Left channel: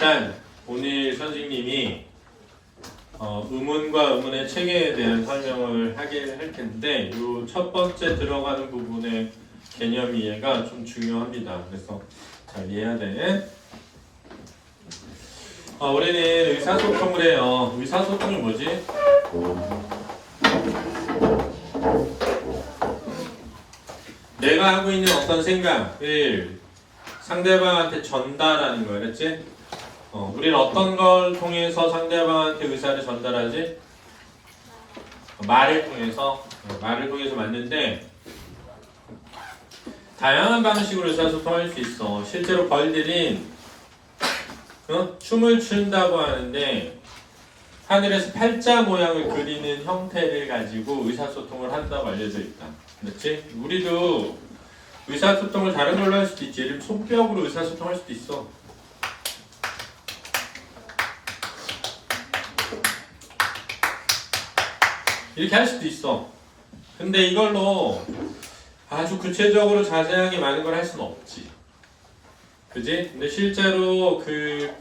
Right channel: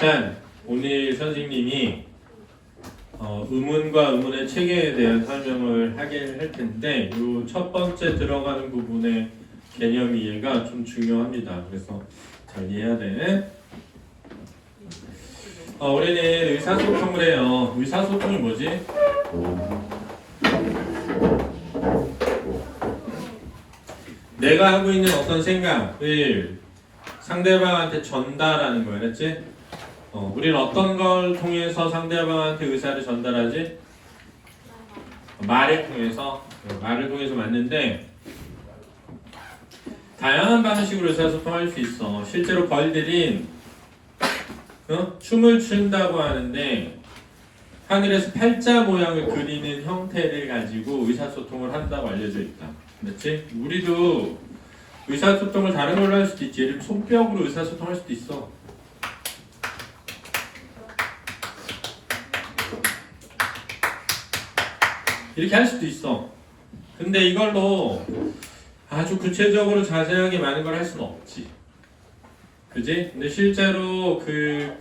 일단 오늘 선생님이 의문과 의문의 체계에 대한 설명을 하게 할 텐데 이 첫 번째 들어가는 부분의 개념 이해가 좀 중요합니다. 그래서 잘 이해해야 돼. 우리는 의사소통을 해요. 의사소통이 뭐지? 내가 하고 있는 어떤 생각을 상대방한테 전달하는 거야, 그렇지? 우리는 어떤 걸 통해서 상대방한테 의사를 전달하지? 말을 통해서 맞는데 다양한 방식으로 의사소통할 수 있어. 실제로 벌들은 춤을 춘다고 하는데 하늘에서 팔자 모양을 그리는 형태를 가지고 의사소통을 한다고 알려져 있다. 그렇지? 우리도 의사소통을 다른 걸로 할 수도 있지. 예를 들면 손뼉으로 의사소통할 수도 있어. 이렇게 할 수도 있어. 근데 이걸로 아주 구체적으로 자세하게 많은 걸 할 수는 없지. 그지? 근데 실제로 그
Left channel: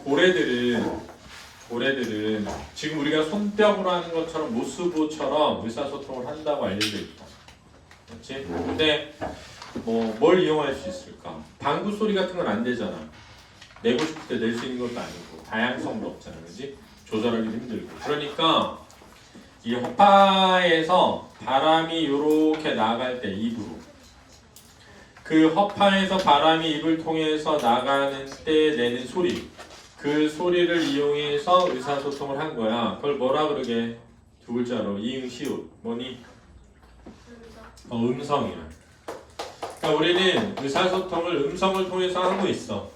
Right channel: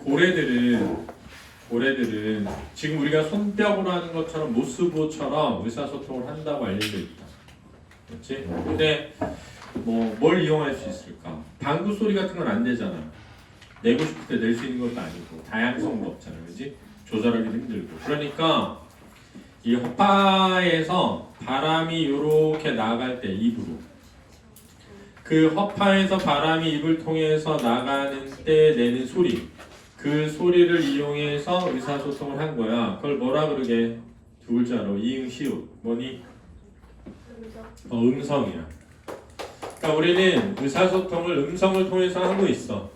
고래들은 지금 우리가 손뼉으로 하는 것처럼 모스보처럼 의사소통을 한다고 알려져 있다. 그렇지? 근데 뭘 이용할 수 있을까? 방구 소리 같은 건 안 되잖아. 내고 싶을 때 낼 수 있는 것도 아니고 다양성도 없잖아. 그지? 조절하기 힘들고. 그러니까 이 허파에서 바람이 이렇게 나갈 때 입으로 그 허파에서 바람이 입을 통해서 나가는 때 내는 소리 그 소리를 이용해서 의사소통을 한 거야. 그걸 뭐라 그러게? 두 글자로 이응 시옷 뭐니? 음성이야. 그러니까 우리는 의사소통을 음성을 통해서 하고 있어.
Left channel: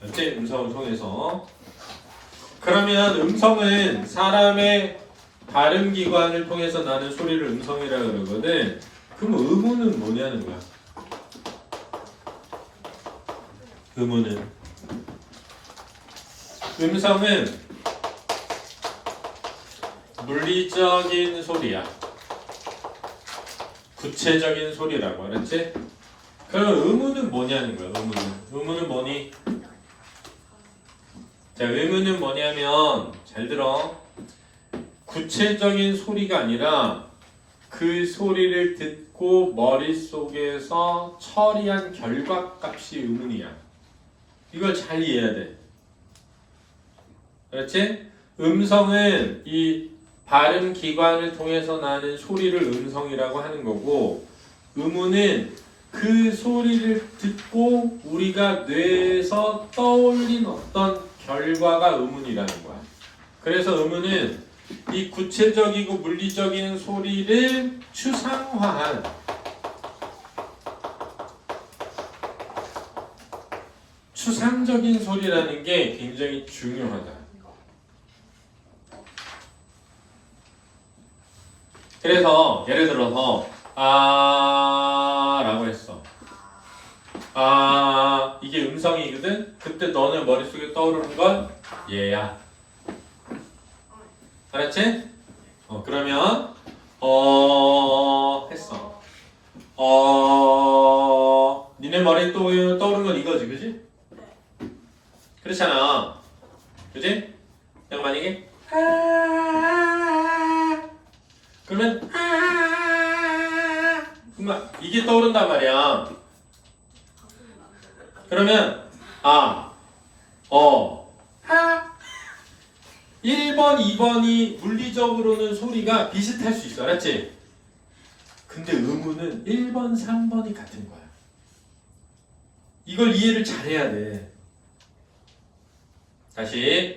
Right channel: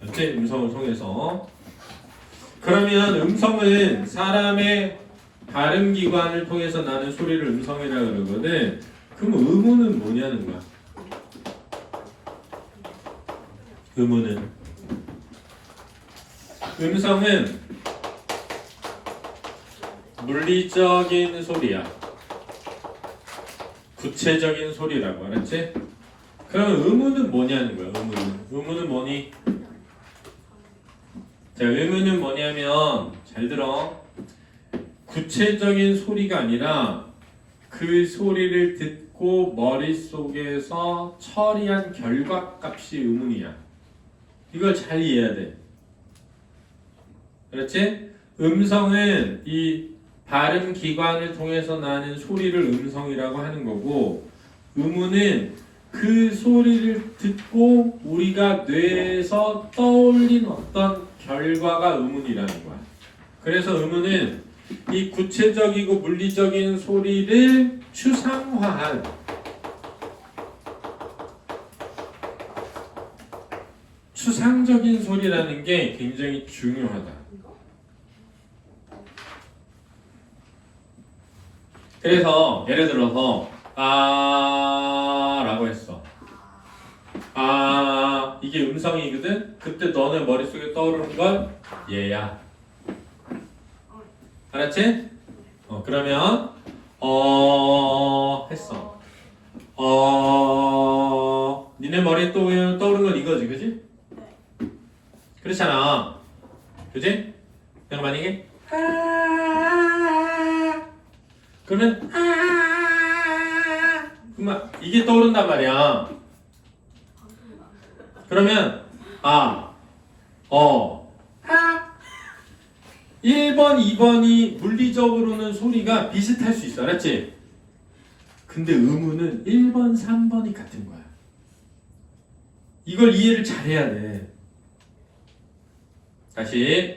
그렇지? 음성을 통해서. 그러면 음성은 사람의 발음기관을 통해서 나는 소리를 음성이라 그러거든. 그럼 의문은 뭐냐는 거야. 의문은 음성은 물리적인 소리야. 구체적인 소리라고 알았지? 그럼 의문은 뭐냐는 거야. 의문은 뭐니? 자, 의문은 뭐냐면 잘 들어. 구체적인 소리가 아니라 그 소리를 듣고 머릿속에서 처리한 결과값이 의문이야. 이걸 잘 이해해야 돼. 그렇지? 음성은 이 발음 기관을 통해서 나는 소리를 음성이라고 하는 거고, 의문은 그 소리를 듣고 우리가 뇌에서 떠올린 어떤 결과가 의문이라는 거야. 그래서 의문은 이 구체적이고 물리적인 소리를 추상화한 추상적인 소리라는 게 굉장히 중요하다. 그래서 예를 들어서 라고 했어. 이게 음성이거든? 그때 너네 머릿속에 떠오르는 건 얘야. 알았지? 그러면 했어. 니네 머리에 떠오르는 건 이거지, 그지? 그렇잖아. 그지? 내가 만약에 그러면 그러면 이게 떠오른단 말이야. 그러면 1번, 2번이 물리적으로는 소리가 비슷할 수 있어. 알았지? 근데 의문은 1번, 3번이 같은 거야. 이걸 이해를 잘해야 돼. 다시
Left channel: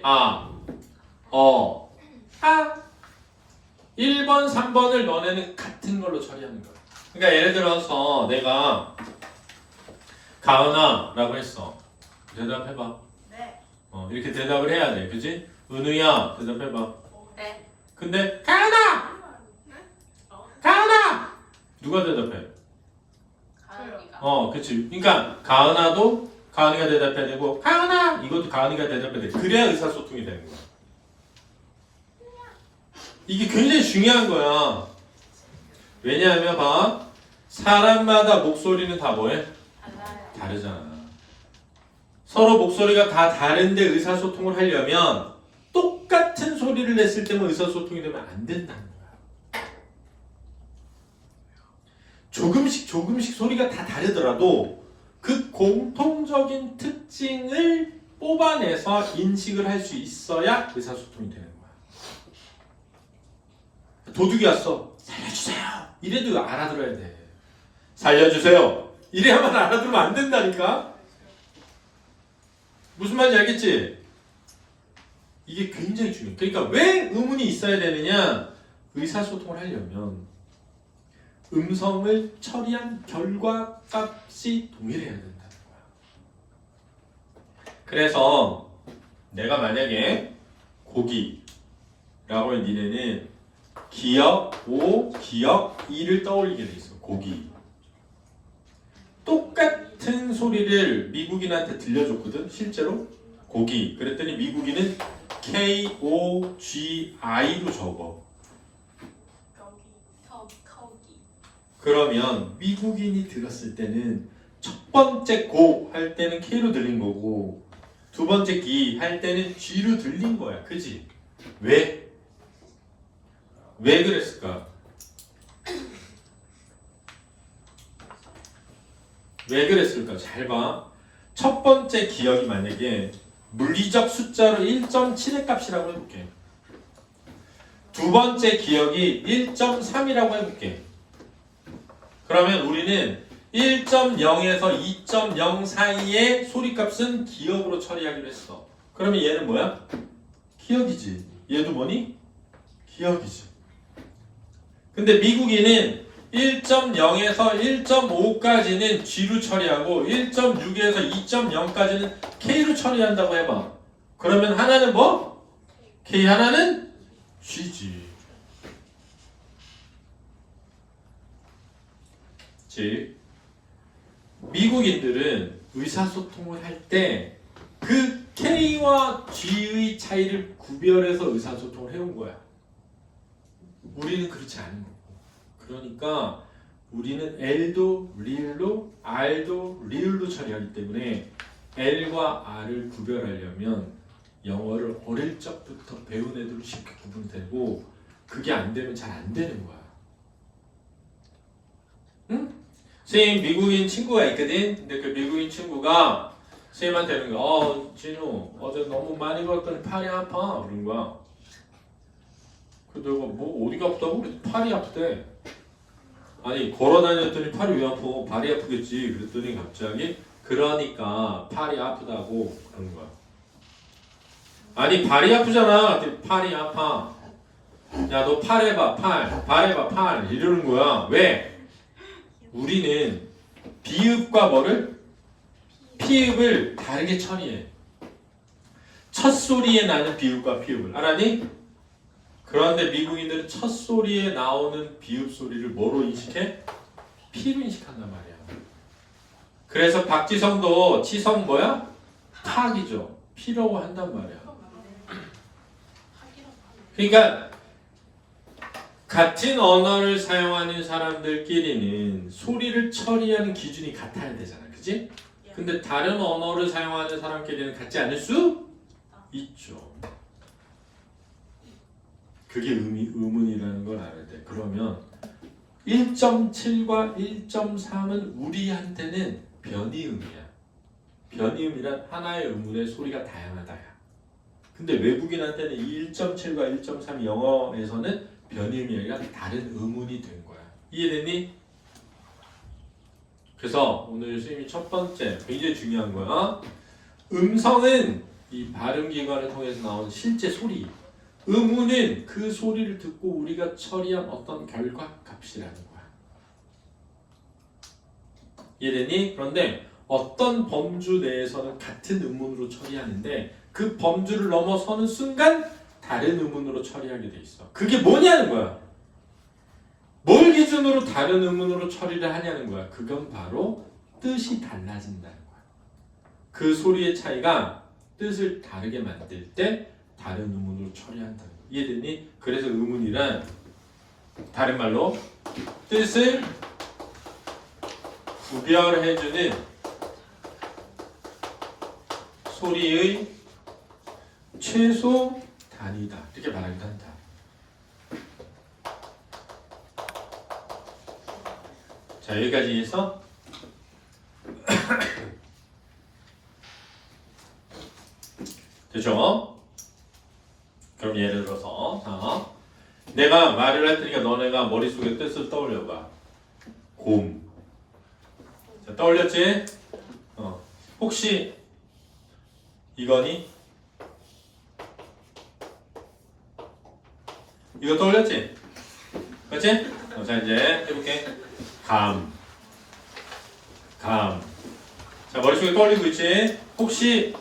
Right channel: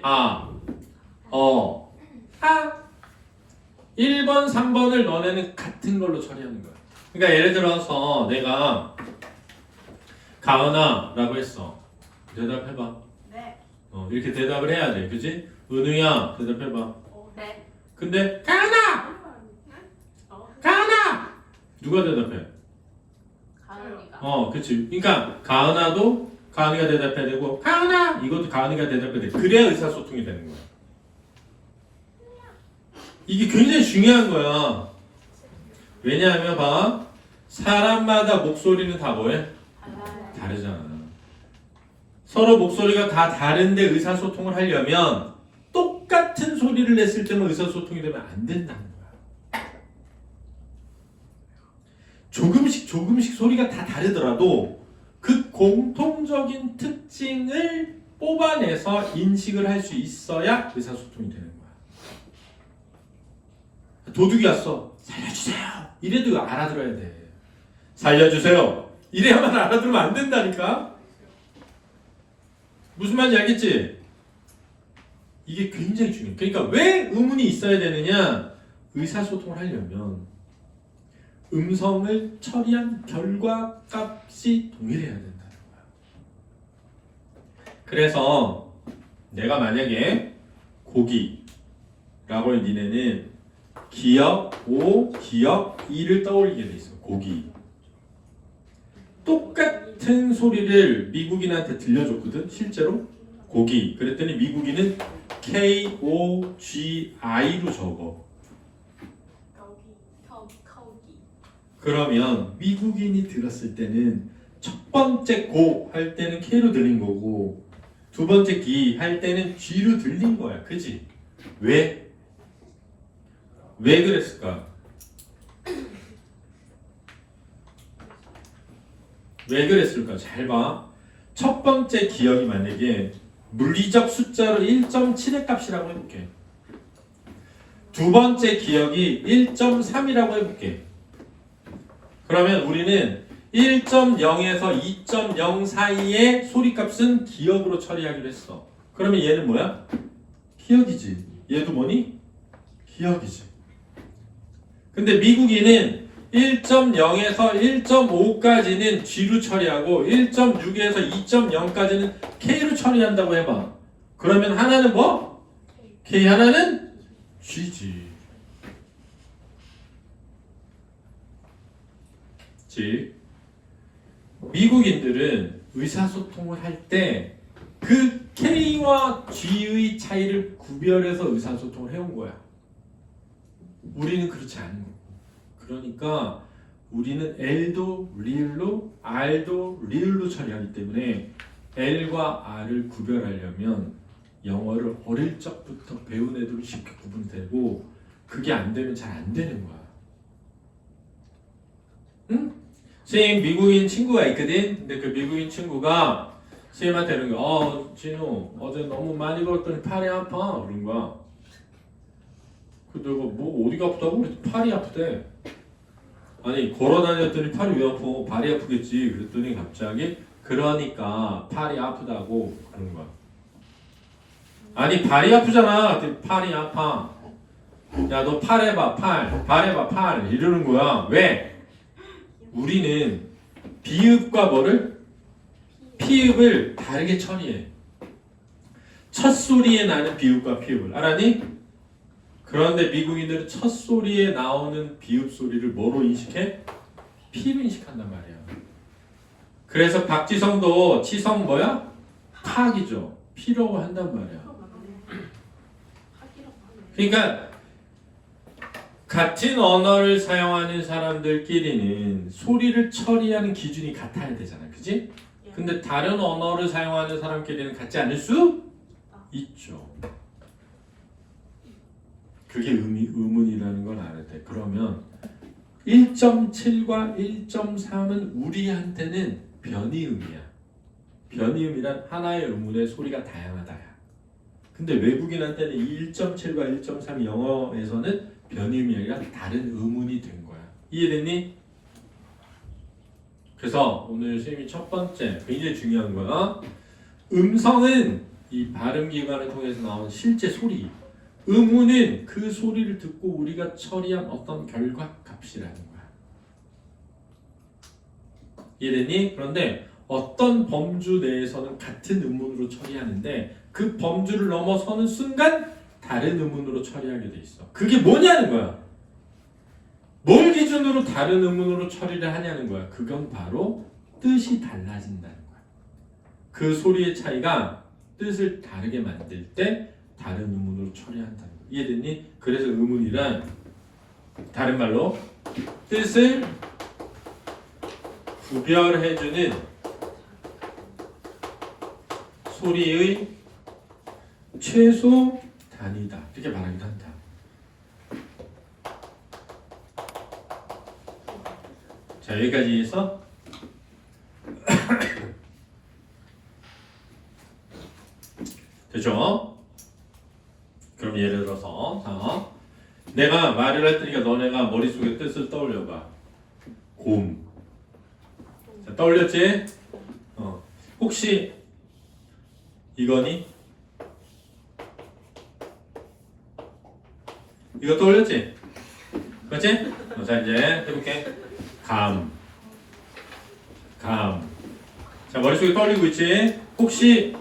1번, 3번을 너네는 같은 걸로 처리하는 거야. 그러니까 예를 들어서 내가 가은아 라고 했어. 대답해봐. 네. 이렇게 대답을 해야 돼. 그지? 은우야 대답해봐. 네. 근데 가은아! 가은아! 누가 대답해? 가은이가. 그치. 그러니까 가은아도 가은이가 대답해야 되고 가은아! 이것도 가은이가 대답해야 돼. 그래야 의사소통이 되는 거야. 이게 굉장히 중요한 거야. 왜냐하면 봐. 사람마다 목소리는 다 뭐해? 달라요. 다르잖아. 서로 목소리가 다 다른데 의사소통을 하려면 똑같은 소리를 냈을 때만 의사소통이 되면 안 된다는 거야. 조금씩 소리가 다 다르더라도 그 공통적인 특징을 뽑아내서 인식을 할 수 있어야 의사소통이 되는 거야. 도둑이 왔어. 살려주세요. 이래도 알아들어야 돼. 살려주세요. 이래야만 알아들으면 안 된다니까. 무슨 말인지 알겠지? 이게 굉장히 중요해. 그러니까 왜 의문이 있어야 되느냐? 의사소통을 하려면 음성을 처리한 결과값이 동일해야 된다는 거야. 그래서 내가 만약에 고기라고 니네는 기역 O, 기역 E를 떠올리게 돼 있어. 고기. 똑같은 소리를 미국인한테 들려줬거든. 실제로 고기. 그랬더니 미국인은 K-O-G-I로 적어. 거기. 그러면 미국인이 들었을 때는 첫 번째 고 할 때는 K로 들린 거고 두 번째 기 할 때는 G로 들린 거야. 그지? 왜? 왜 그랬을까? 왜 그랬을까? 잘 봐. 첫 번째 기억이 만약에 물리적 숫자로 1.7의 값이라고 해볼게. 두 번째 기억이 1.3이라고 해볼게. 그러면 우리는 1.0에서 2.0 사이의 소리값은 기억으로 처리하기로 했어. 그러면 얘는 뭐야? 기억이지. 얘도 뭐니? 기억이지. 근데 미국인은 1.0에서 1.5까지는 G로 처리하고 1.6에서 2.0까지는 K로 처리한다고 해봐. 그러면 하나는 뭐? K, 하나는 G지. 즉 미국인들은 의사소통을 할 때 그 K와 G의 차이를 구별해서 의사소통을 해온 거야. 우리는 그렇지 않은 거고. 그러니까 우리는 L도 리을로, R도 리을로 처리하기 때문에 L과 R을 구별하려면 영어를 어릴 적부터 배운 애들로 쉽게 구분되고 그게 안 되면 잘 안 되는 거야. 응? 선생님 미국인 친구가 있거든. 근데 그 미국인 친구가 선생님한테 이런 거, 진우 어제 너무 많이 걸었더니 팔이 아파 그런 거야. 그 내가 뭐 어디가 아프다고? 우리 팔이 아프대. 아니 걸어 다녔더니 팔이 왜 아파? 발이 아프겠지. 그랬더니 갑자기 그러니까 팔이 아프다고 그런 거야. 아니 발이 아프잖아. 그랬더니 팔이 아파. 야 너 팔 해봐 팔. 발 해봐 팔. 이러는 거야. 왜? 우리는 비읍과 뭐를? 피읍을 다르게 처리해. 첫 소리에 나는 비읍과 피읍을 알아니? 그런데 미국인들은 첫 소리에 나오는 비읍 소리를 뭐로 인식해? 피로 인식한단 말이야. 그래서 박지성도 치성 뭐야? 탁이죠. 피라고 한단 말이야. 그러니까 같은 언어를 사용하는 사람들끼리는 소리를 처리하는 기준이 같아야 되잖아. 그지? 근데 다른 언어를 사용하는 사람끼리는 같지 않을 수 있죠. 그게 의문이라는 걸 알아야 돼. 그러면 1.7과 1.3은 우리한테는 변이음이야. 변이음이란 하나의 의문의 소리가 다양하다야. 근데 외국인한테는 이 1.7과 1.3 영어에서는 변이음이 아니라 다른 의문이 된 거야. 이해됐니? 그래서 오늘 선생님이 첫 번째 굉장히 중요한 거야. 음성은 이 발음기관을 통해서 나오는 실제 소리. 의문은 그 소리를 듣고 우리가 처리한 어떤 결과값이라는 거야. 이해되니? 그런데 어떤 범주 내에서는 같은 의문으로 처리하는데 그 범주를 넘어서는 순간 다른 의문으로 처리하게 돼 있어. 그게 뭐냐는 거야. 뭘 기준으로 다른 의문으로 처리를 하냐는 거야. 그건 바로 뜻이 달라진다는 거야. 그 소리의 차이가 뜻을 다르게 만들 때 다른 의문으로 처리한다는 거야. 이해됐니? 그래서 의문이란 다른 말로 뜻을 구별해주는 소리의 최소 단위다. 이렇게 말하기도 한다. 자, 여기까지 해서 됐죠? 그럼 예를 들어서 자, 내가 말을 할 테니까 너네가 머릿속에 뜻을 떠올려봐. 곰. 자, 떠올렸지? 혹시 이거니? 이거 떠올렸지? 그렇지? 자, 이제 해볼게. 감. 자, 머릿속에 떠올리고 있지? 혹시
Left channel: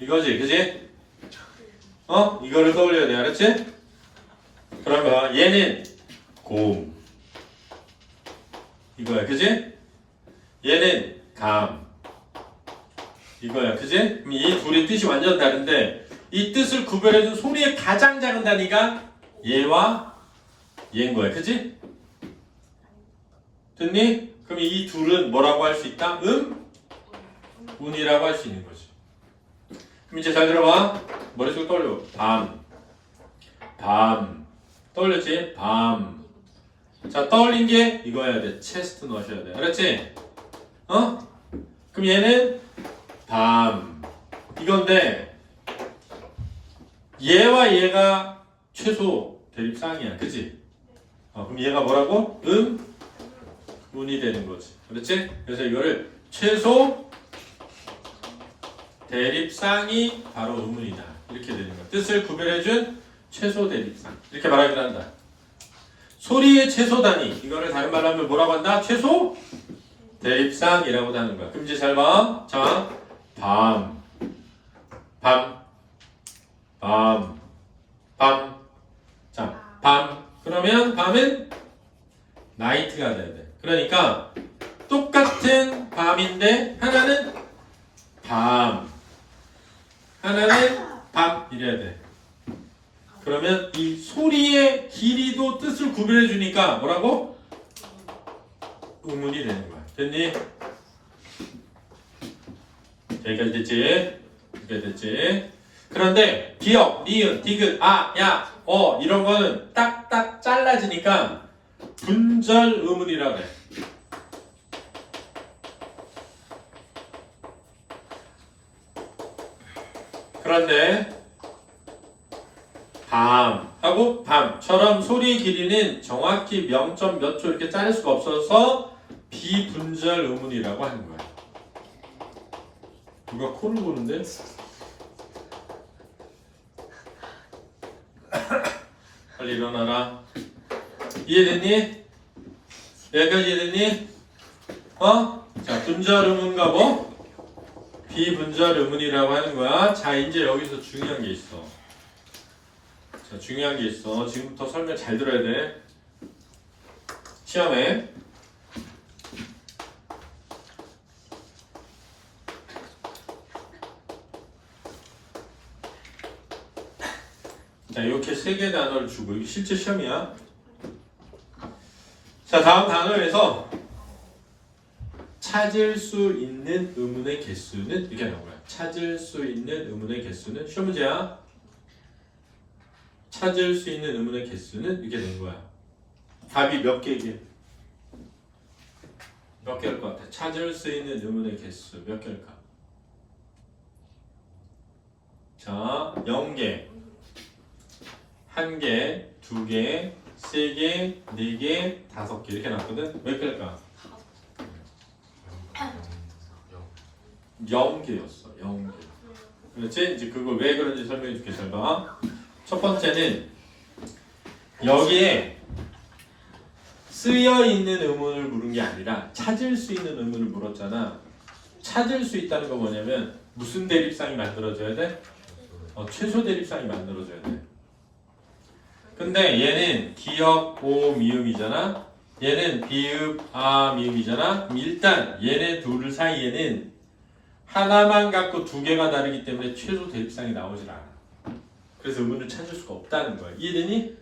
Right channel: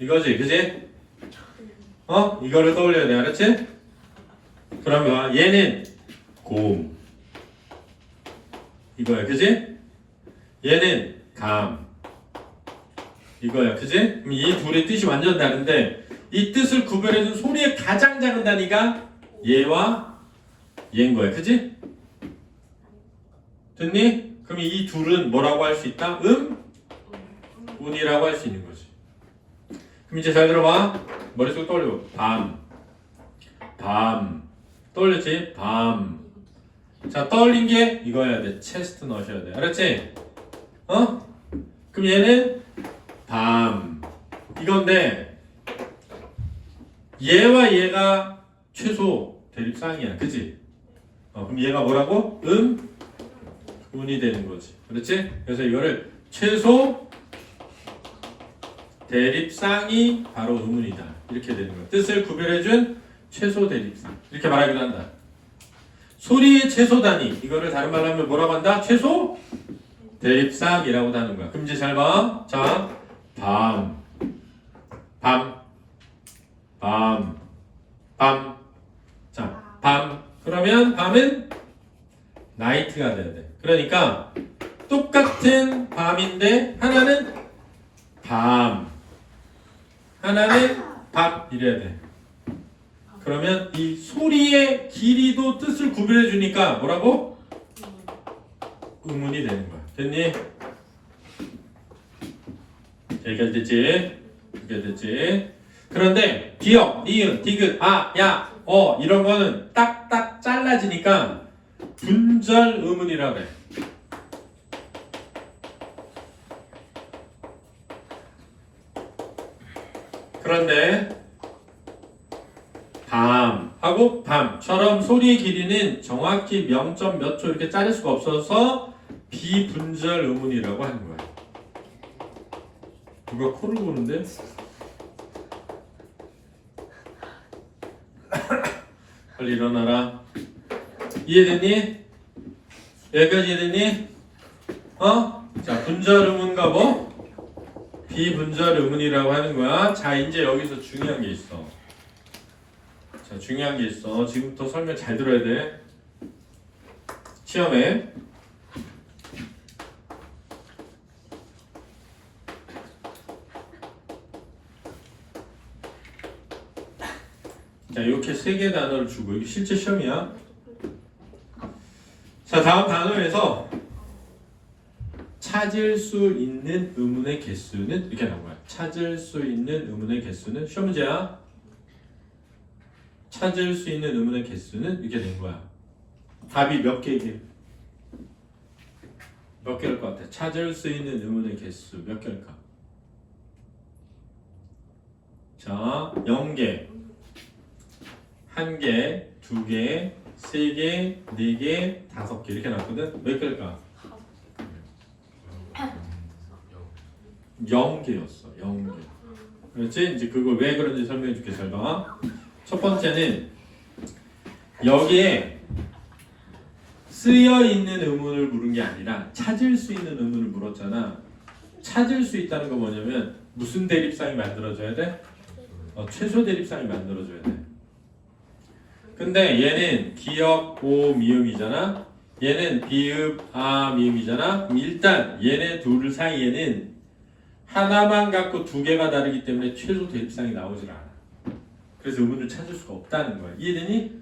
이거지, 그지? 이거를 떠올려야 돼, 알았지? 그런 거야. 얘는 곰. 이거야, 그지? 얘는 감. 이거야, 그지? 그럼 이 둘의 뜻이 완전 다른데 이 뜻을 구별해준 소리의 가장 작은 단위가 얘와 얘인 거야, 그지? 됐니? 그럼 이 둘은 뭐라고 할 수 있다? 운이라고 할 수 있는 거지. 그럼 이제 잘 들어봐. 머릿속에 떠올려. 밤. 떠올렸지? 밤. 자, 떠올린 게 이거여야 돼. 체스트 넣으셔야 돼. 알았지? 그럼 얘는 밤. 이건데 얘와 얘가 최소 대립상이야. 그지? 그럼 얘가 뭐라고? 운이 되는 거지. 그렇지? 그래서 이거를 최소 대립상이 바로 음운이다. 이렇게 되는 거야. 뜻을 구별해준 최소 대립상. 이렇게 말하기도 한다. 소리의 최소 단위. 이거를 다른 말로 하면 뭐라고 한다? 최소 대립상이라고도 하는 거야. 그럼 이제 잘 봐. 자, 밤. 자, 밤. 그러면 밤은 나이트가 돼야 돼. 그러니까 똑같은 밤인데 하나는 밤. 하나는 밤 이래야 돼. 그러면 이 소리의 길이도 뜻을 구별해 주니까 뭐라고? 음운이 되는 거야. 됐니? 여기까지 됐지? 여기까지 됐지? 그런데 기역, 니은, 디귿, 아, 야, 이런 거는 딱딱 잘라지니까 분절 음운이라고 해. 그런데 밤하고 밤처럼 소리의 길이는 정확히 0점 몇 초 이렇게 자를 수가 없어서 비분절 음운이라고 하는 거야. 누가 코를 고는데? 빨리 일어나라. 이해됐니? 여기까지 이해됐니? 자, 분절 음운과 뭐? 비분절 음운이라고 하는 거야. 자, 이제 여기서 중요한 게 있어. 자, 중요한 게 있어. 지금부터 설명 잘 들어야 돼. 시험에 자, 이렇게 세 개의 단어를 주고 이게 실제 시험이야. 자, 다음 단어에서 찾을 수 있는 의문의 개수는 이렇게 나온 거야. 찾을 수 있는 의문의 개수는 시험 문제야. 찾을 수 있는 의문의 개수는 이렇게 된 거야. 답이 몇 개게? 몇 개일 것 같아? 찾을 수 있는 의문의 개수 몇 개일까? 자, 0개, 1개, 2개, 3개, 4개, 5개 이렇게 나왔거든? 몇 개일까? 0개였어. 0개. 그렇지? 이제 그걸 왜 그런지 설명해 줄게. 잘 봐. 첫 번째는 여기에 쓰여 있는 의문을 물은 게 아니라 찾을 수 있는 의문을 물었잖아. 찾을 수 있다는 건 뭐냐면 무슨 대립상이 만들어져야 돼? 최소 대립상이 만들어져야 돼. 근데 얘는 기역, 오, 미음이잖아. 얘는 비읍, 아, 미음이잖아. 그럼 일단 얘네 둘 사이에는 하나만 갖고 두 개가 다르기 때문에 최소 대립상이 나오질 않아. 그래서 의문을 찾을 수가 없다는 거야. 이해되니?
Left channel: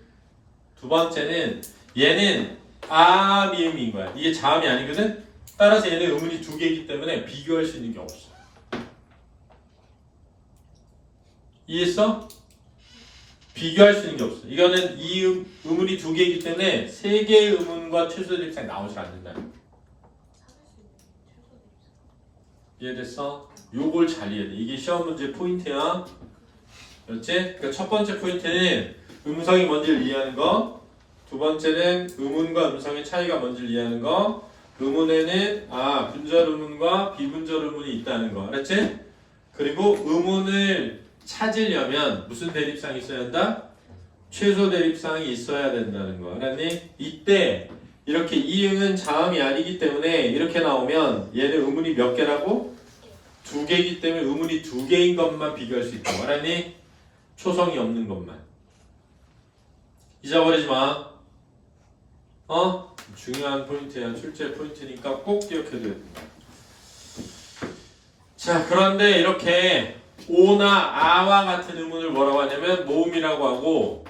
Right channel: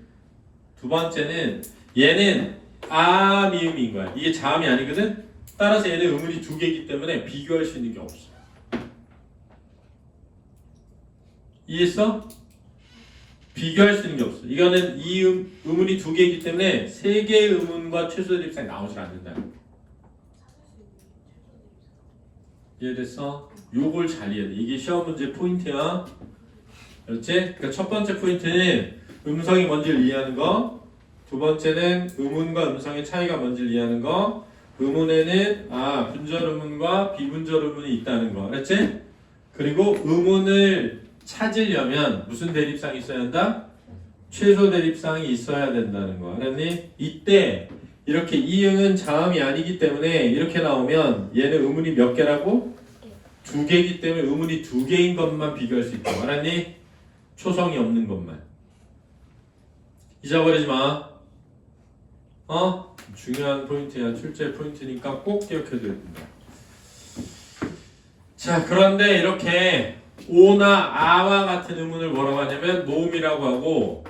두 번째는 얘는 아, 미음인 거야. 이게 자음이 아니거든? 따라서 얘는 의문이 두 개이기 때문에 비교할 수 있는 게 없어. 이해했어? 비교할 수 있는 게 없어. 이거는 이 의문이 두 개이기 때문에 세 개의 의문과 최소 대립상이 나오지 않는다. 이해됐어? 요걸 잘 이해해. 이게 시험 문제 포인트야. 그렇지? 그러니까 첫 번째 포인트는 음성이 뭔지를 이해하는 거. 두 번째는 의문과 음성의 차이가 뭔지를 이해하는 거. 의문에는 분절 의문과 비분절 의문이 있다는 거. 알았지? 그리고 의문을 찾으려면 무슨 대립상이 있어야 한다? 최소 대립상이 있어야 된다는 거. 알았니? 이때 이렇게 이응은 자음이 아니기 때문에 이렇게 나오면 얘는 의문이 몇 개라고? 두 개이기 때문에 의문이 두 개인 것만 비교할 수 있다고. 알았니? 초성이 없는 것만. 잊어버리지 마. 중요한 포인트야. 출제 포인트니까 꼭 기억해둬야 된다. 자, 그런데 이렇게 오나 아와 같은 의문을 뭐라고 하냐면 모음이라고 하고,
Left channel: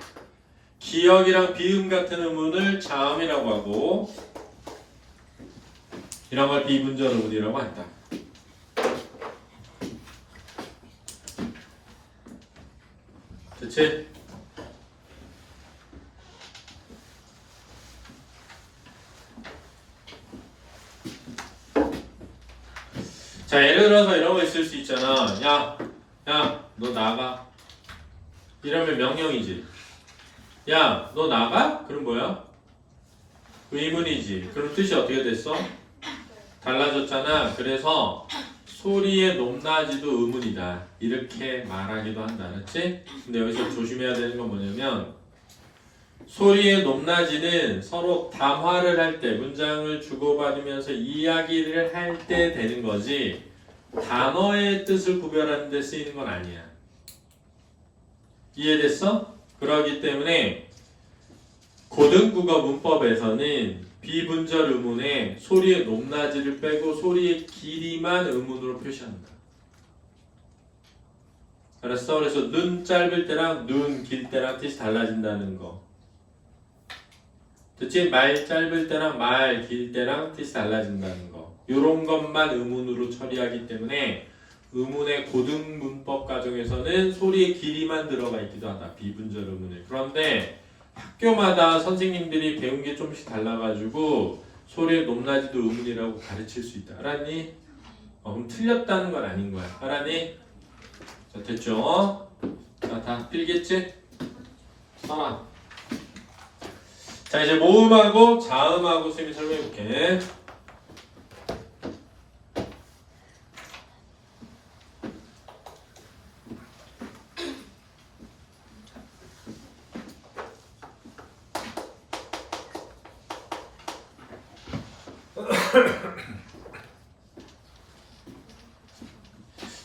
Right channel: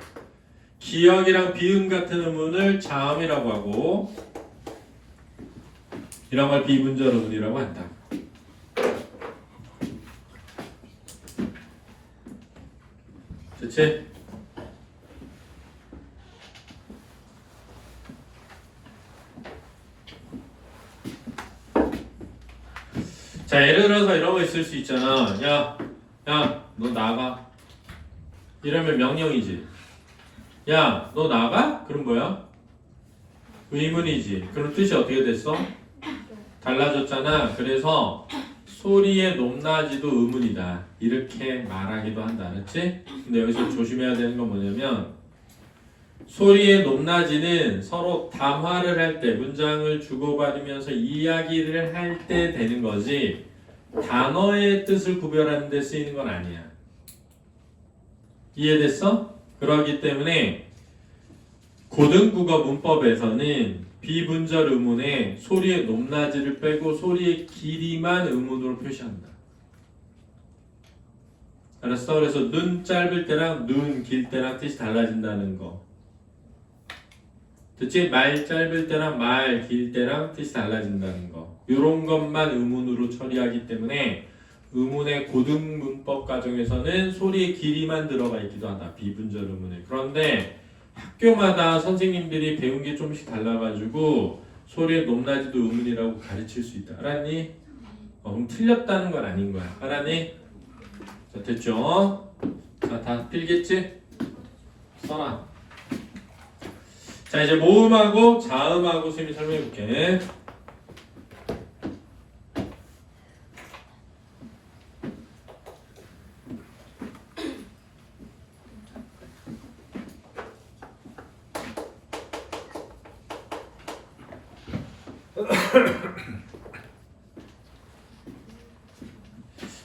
기역이랑 비음 같은 의문을 자음이라고 하고, 이런 걸 비분절 의문이라고 한다. 그치? 자, 예를 들어서 이런 거 있을 수 있잖아. 야, 너 나가. 이러면 명령이지. 야, 너 나가? 그럼 뭐야? 의문이지. 그럼 뜻이 어떻게 됐어? 달라졌잖아. 그래서 소리의 높낮이도 의문이다. 이렇게 말하기도 한다. 알았지? 근데 여기서 조심해야 되는 건 뭐냐면, 소리의 높낮이는 서로 담화를 할 때, 문장을 주고받으면서 이야기를 할 때 되는 거지, 단어의 뜻을 구별하는 데 쓰이는 건 아니야. 이해됐어? 그러기 때문에 고등국어 문법에서는 비분절 의문에 소리의 높낮이를 빼고 소리의 길이만 의문으로 표시한다. 알았어? 그래서 눈 짧을 때랑 눈 길 때랑 뜻이 달라진다는 거. 듣지? 말 짧을 때랑 말 길 때랑 뜻이 달라진다는 거. 이런 것만 의문으로 처리하기 때문에 의문의 고등 문법 과정에서는 소리의 길이만 들어가 있기도 하다. 비분절 의문에. 그런데 학교마다 선생님들이 배운 게 조금씩 달라가지고 소리의 높낮이도 의문이라고 가르칠 수 있다. 알았니? 그럼 틀렸다는 건 아닌 거야. 알았니? 자, 됐죠? 자, 다 ತಿಳಿ겠지? 써놔. 자, 이제 모음하고 자음하고 선생님이 설명해 볼게.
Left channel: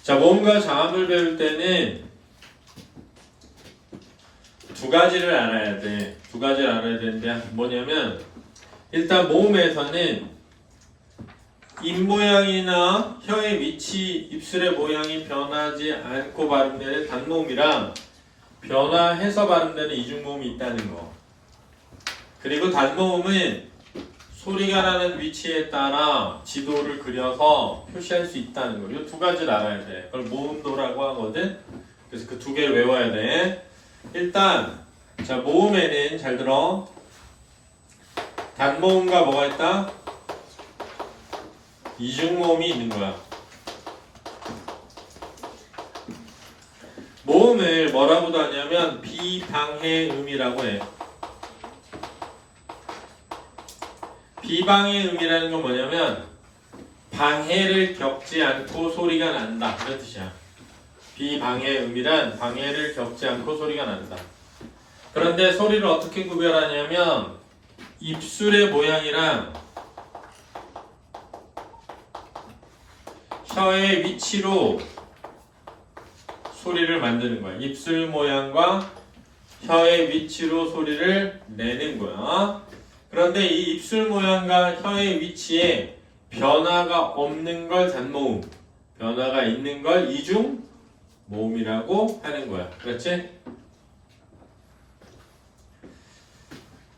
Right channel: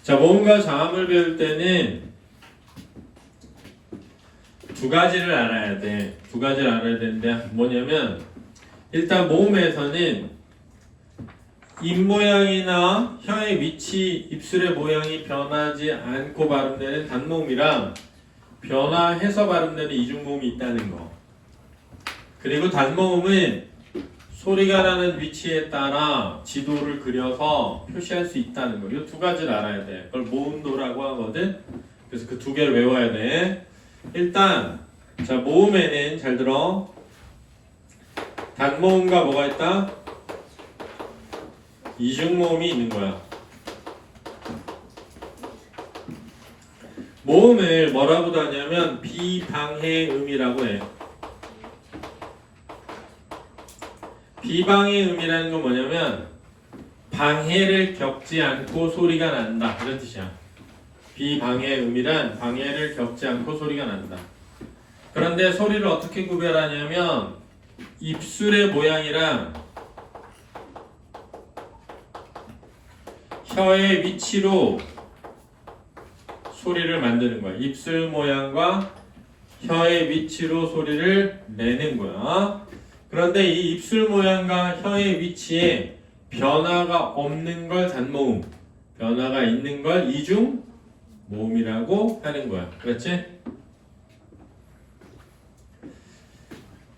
자, 모음과 자음을 배울 때는 두 가지를 알아야 돼. 두 가지를 알아야 되는데 뭐냐면, 일단 모음에서는 입 모양이나 혀의 위치, 입술의 모양이 변하지 않고 발음되는 단모음이랑 변화해서 발음되는 이중모음이 있다는 거. 그리고 단모음은 소리가 나는 위치에 따라 지도를 그려서 표시할 수 있다는 거. 이 두 가지를 알아야 돼. 그걸 모음도라고 하거든. 그래서 그 두 개를 외워야 돼. 일단 자, 모음에는 잘 들어. 단모음과 뭐가 있다? 이중모음이 있는 거야. 모음을 뭐라고도 하냐면 비방해음이라고 해. 비방해음이라는 건 뭐냐면 방해를 겪지 않고 소리가 난다. 그런 뜻이야. 비방해음이란 방해를 겪지 않고 소리가 난다. 그런데 소리를 어떻게 구별하냐면 입술의 모양이랑 혀의 위치로 소리를 만드는 거야. 입술 모양과 혀의 위치로 소리를 내는 거야. 그런데 이 입술 모양과 혀의 위치에 변화가 없는 걸 단모음, 변화가 있는 걸 이중모음이라고 하는 거야. 그렇지?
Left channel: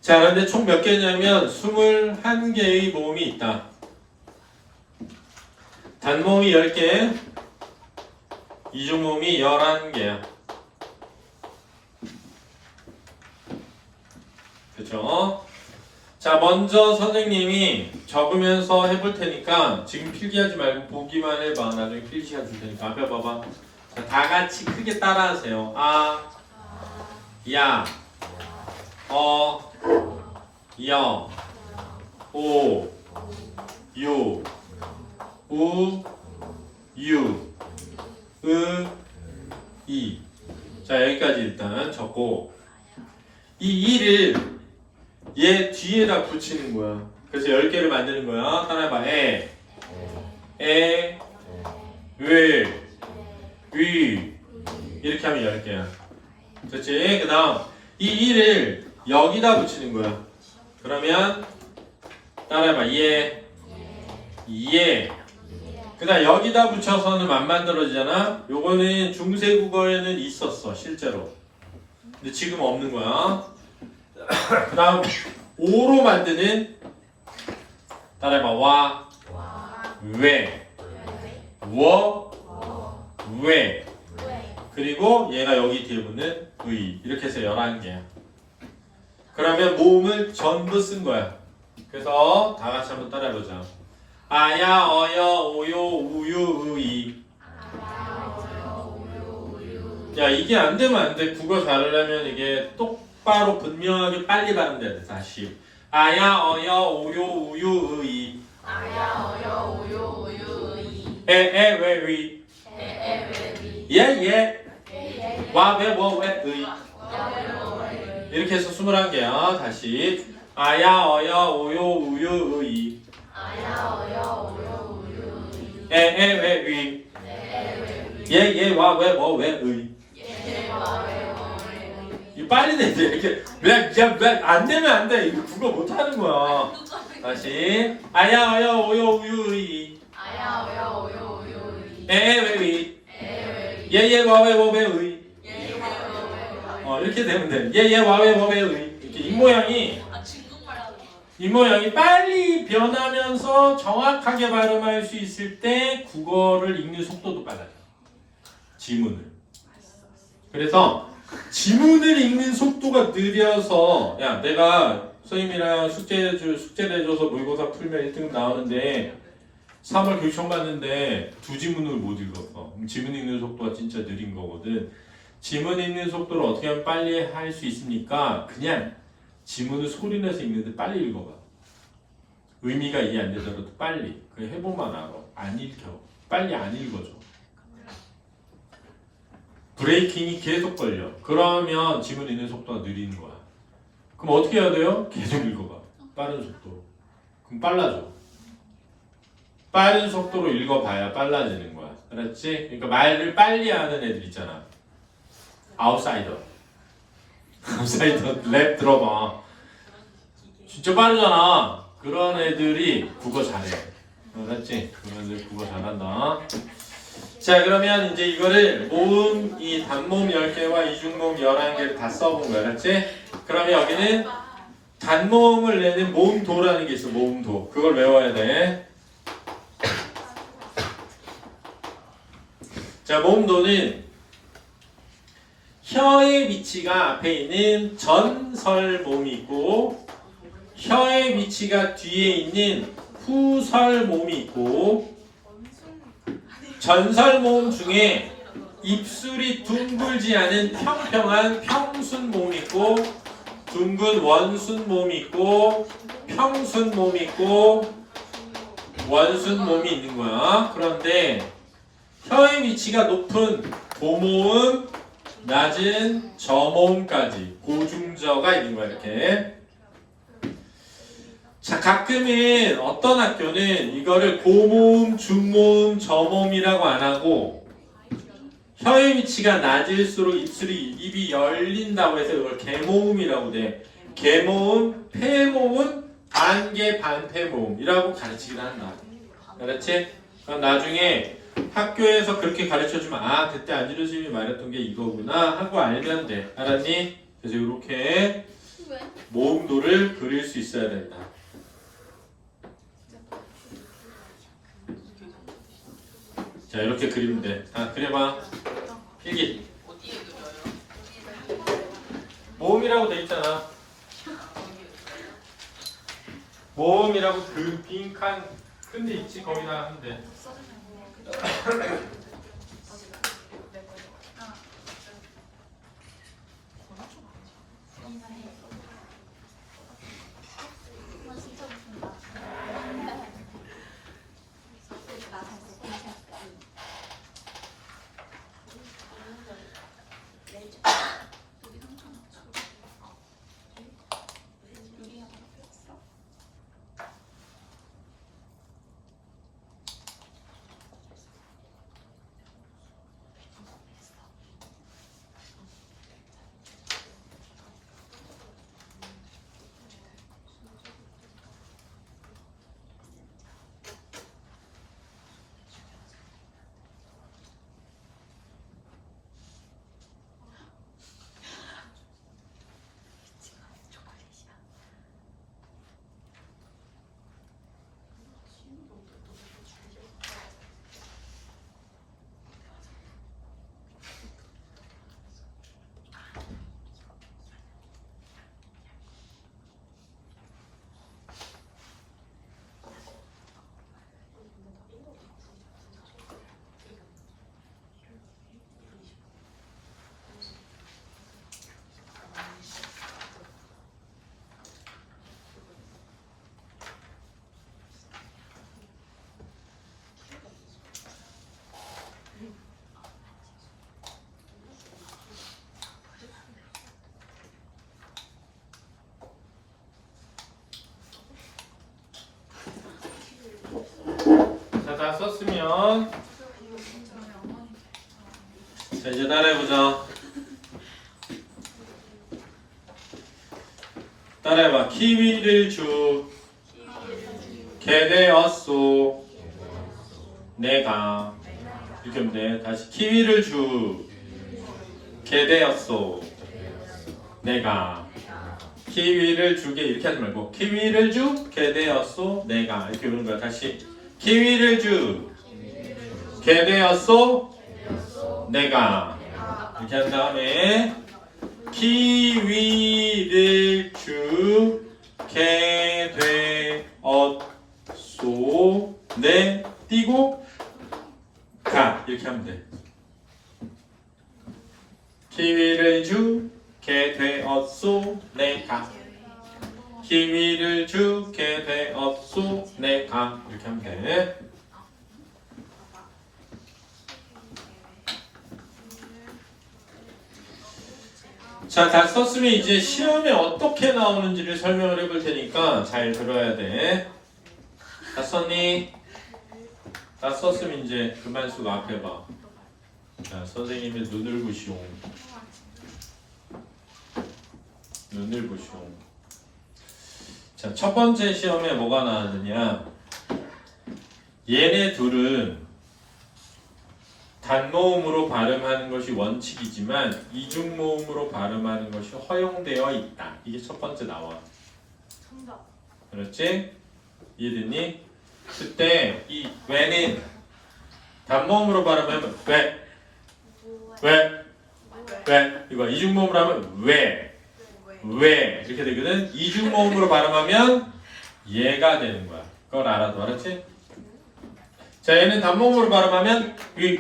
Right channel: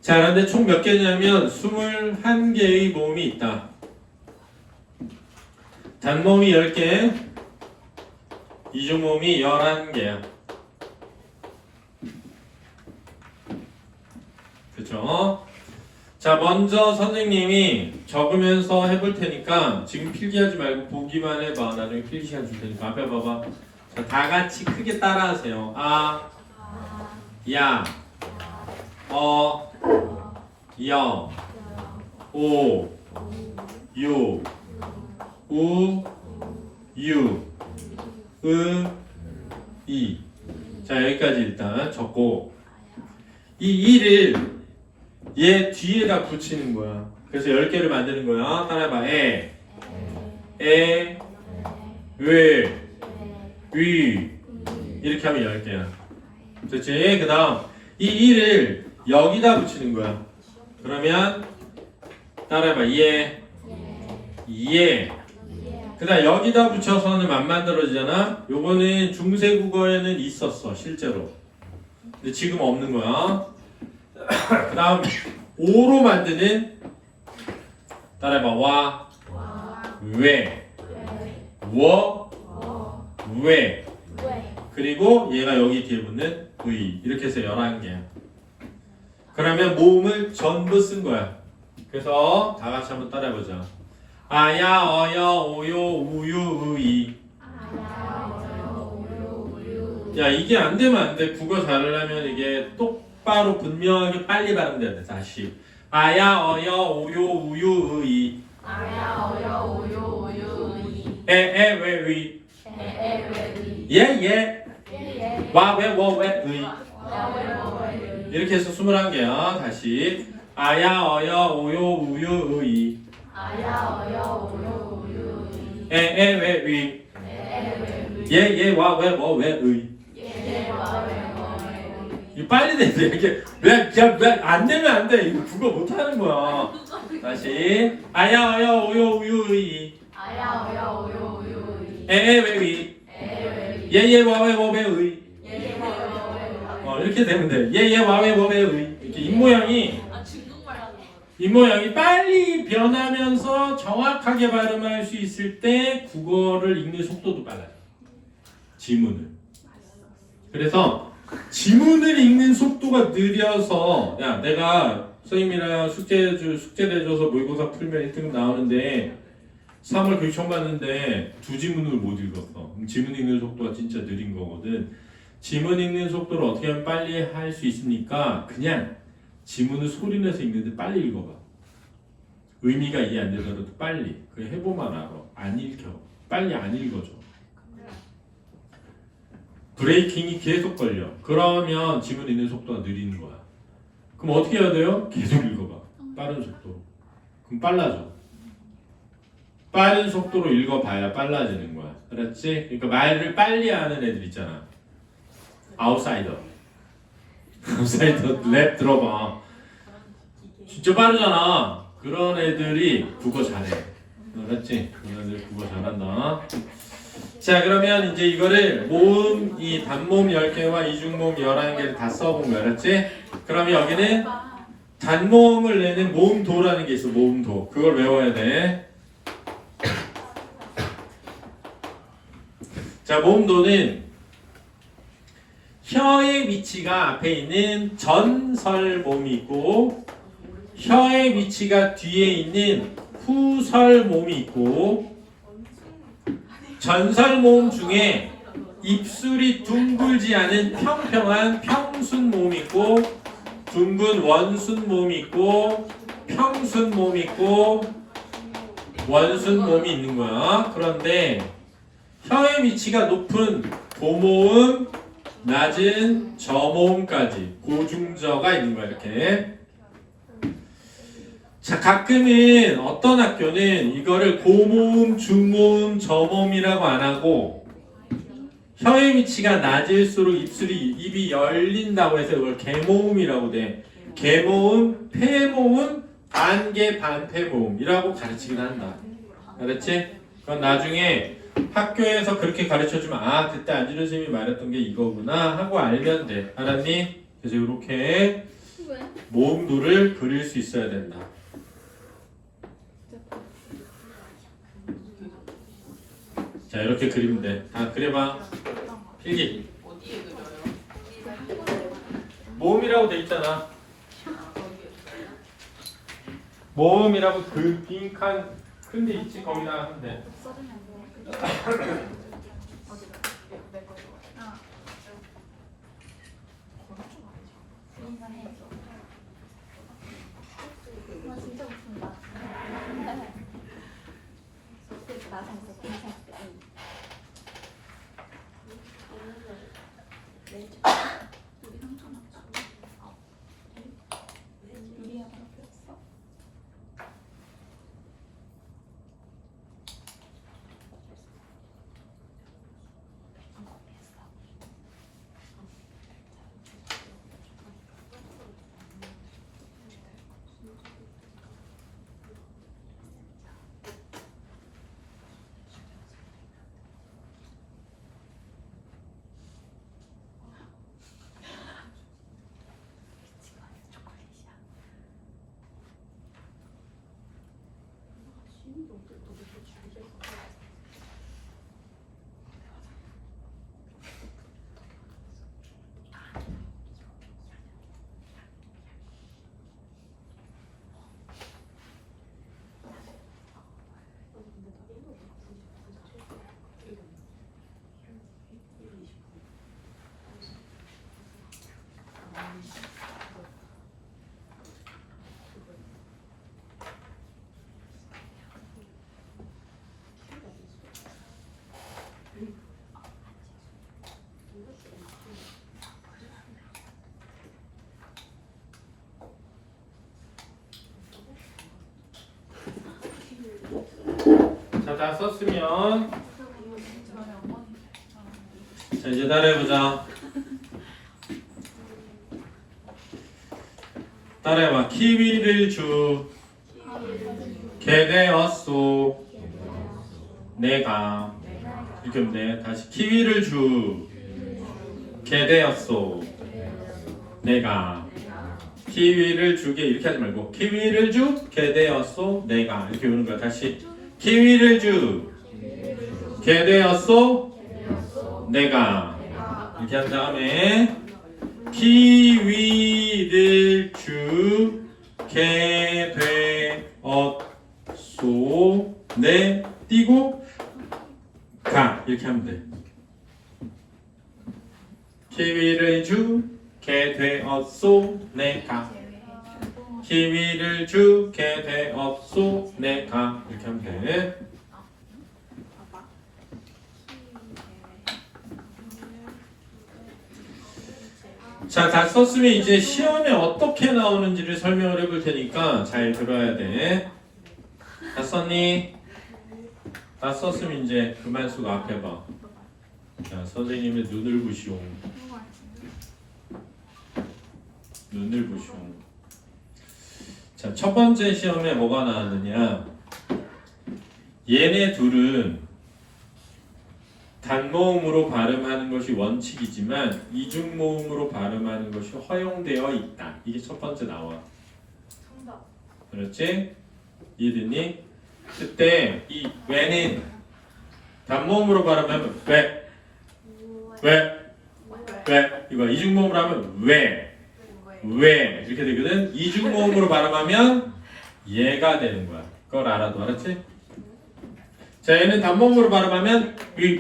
자, 그런데 총 몇 개냐면 21개의 모음이 있다. 단모음이 10개, 이중모음이 11개야. 그쵸? 자, 먼저 선생님이 적으면서 해볼 테니까 지금 필기하지 말고 보기만 해봐. 나중에 필기 시간 줄 테니까. 앞에 봐봐. 자, 다 같이 크게 따라하세요. 아, 야, 어, 여, 오, 유, 우, 유, 으, 이. 자, 여기까지 일단 적고 이 이를 얘 뒤에다 붙이는 거야. 그래서 10개를 만드는 거야. 따라해봐. 에, 왜, 위. 이렇게 하면 10개야. 됐지? 그 다음 이 이를 여기다 붙이는 거야. 그러면 따라해봐. 예, 그 다음 여기다 붙여서는 안 만들어지잖아. 요거는 중세국어에는 있었어 실제로. 근데 지금 없는 거야. 그 다음 오로 만드는 따라해봐. 와, 왜, 워, 왜. 그리고 얘가 여기 뒤에 붙는 의. 이렇게 해서 11개야. 그러면 모음을 전부 쓴 거야. 그래서 다 같이 한번 따라해보자. 아야, 어여, 오요, 우유, 의이. 야, 이게 안 되면 안 돼. 국어 잘하려면 이게 똑바로 분명하게 빨리 발음돼야 돼. 다시. 아야, 어여, 오요, 우유, 의이. 아야 어여 오요 오요 이. 왜, 위. 예. 와, 왜, 왜, 의. 이렇게 해서 21개야. 다시. 아야, 어여, 오요, 우유, 의이. 아야 어여 오요 오요 이. 왜, 위. 예, 와, 왜, 의. 이 빨리 돼. 이렇게 왜안 되면 안 돼. 이거 국어 못 하는 거야. 다시. 아야, 어여, 오요, 우유, 의. 아야 어여 오요 오요 이. 왜, 위. 예, 와, 왜, 의. 이렇게 되면 돼. 예, 와, 왜, 의. 이렇게 입모양이 아 중국말 하는 거. 입모양이 빨리 변하면서 정확하게 발음할 수 있을 때 국어를 읽는 속도도 빨라요. 지문을. 그래서 지문을 읽는 속도가 느려서 야 내가 선생님이랑 숙제 내줘서 모의고사 풀면 1등급 나오는데 3월 교육 처음 봤는데 2지문을 못 읽었어. 그럼 지문 읽는 속도가 진짜 느린 거거든. 지문 읽는 속도를 어떻게 하면 빨리 할 수 있습니까? 그냥 지문을 소리내서 읽는데 빨리 읽어봐. 의미가 이해 안 되더라도 빨리. 그냥 해보면 알아. 안 읽혀. 빨리 안 읽어줘. 브레이킹이 계속 걸려. 그러면 지문 읽는 속도가 느리는 거야. 그럼 어떻게 해야 돼요? 계속 읽어봐. 빠른 속도로. 그럼 빨라져. 빠른 속도로 읽어봐야 빨라지는 거야. 알았지? 그러니까 말을 빨리 하는 애들 있잖아. 아웃사이더 랩 들어봐. 진짜 빠르잖아. 그런 애들이 국어 잘해. 알았지? 그런 애들 국어 잘한다. 자, 그러면 이제 이거를 모음, 이 단모음 10개와 이중모음 11개를 다 써본 거야. 알았지? 그러면 여기는 단모음을 내는 모음도라는 게 있어. 모음도. 그걸 외워야 돼. 자, 모음도는 혀의 위치가 앞에 있는 전설모음이 있고 혀의 위치가 뒤에 있는 후설모음이 있고 전설모음 중에 입술이 둥글지 않은 평평한 평순모음이 있고 둥근 원순모음이 있고 평순모음이 있고 원순모음이 있는 거야. 그런데 혀의 위치가 높은 고모음, 낮은 저모음까지 고중저가 있는 거야. 이렇게. 자, 가끔은 어떤 학교는 이거를 고모음, 중모음, 저모음이라고 안 하고 혀의 위치가 낮을수록 입이 열린다고 해서 이걸 개모음이라고 돼. 개모음, 폐모음, 반개, 반폐모음이라고 가르치기도 한다. 그렇지? 그건 나중에 학교에서 그렇게 가르쳐주면 아, 그때 안준현 선생님이 말했던 게 이거구나 하고 알면 돼. 알았니? 그래서 이렇게 모음도를 그릴 수 있어야 된다. 자 이렇게 그리면 돼. 아 그려봐. 필기. 어디에 그려요? 모음이라고 돼 있잖아. 아, 거기에 그려요? 모음이라고 그 빈칸 큰데 있지 거기다 하면 돼. 자, 다 썼으면 자 이제 따라해보자. 따라해봐. 키위를 주게 되었소 내가. 이렇게 하면 돼. 다시 키위를 주게 되었소 내가. 키위를 주게 이렇게 하지 말고 키위를 주게 되었소 내가 이렇게 부르는 거야. 다시 키위를 주게 되었소 내가 이렇게 한 다음에 키위를 주게 되었소 내 띄고 가 이렇게 하면 돼. 키위를 주게 되었소 내가. 키위를 주게 되었소 내가. 이렇게 하면 돼. 자, 다 썼으면 이제 시험에 어떻게 나오는지를 설명을 해볼 테니까 잘 들어야 돼. 다 썼니? 다 썼으면 이제 그만 쓰고 앞에 봐. 자, 선생님의 눈을 보시오. 눈을 보시오. 자, 첫 번째 시험에 뭐가 나왔느냐? 얘네 둘은 단모음으로 발음하는 것이 원칙이지만 이중모음으로 발음하는 것이 허용되어 있다. 이게 첫 번째 나와. 그렇지? 이해됐니? 그때 이 왜는 단모음으로 발음하면 왜 이거 이중모음으로 하면 왜 이렇게 되거든. 이중모음으로 발음하면 얘가 되는 거야. 그걸 알아도 알았지? 자, 얘는 단모음으로 발음하면 위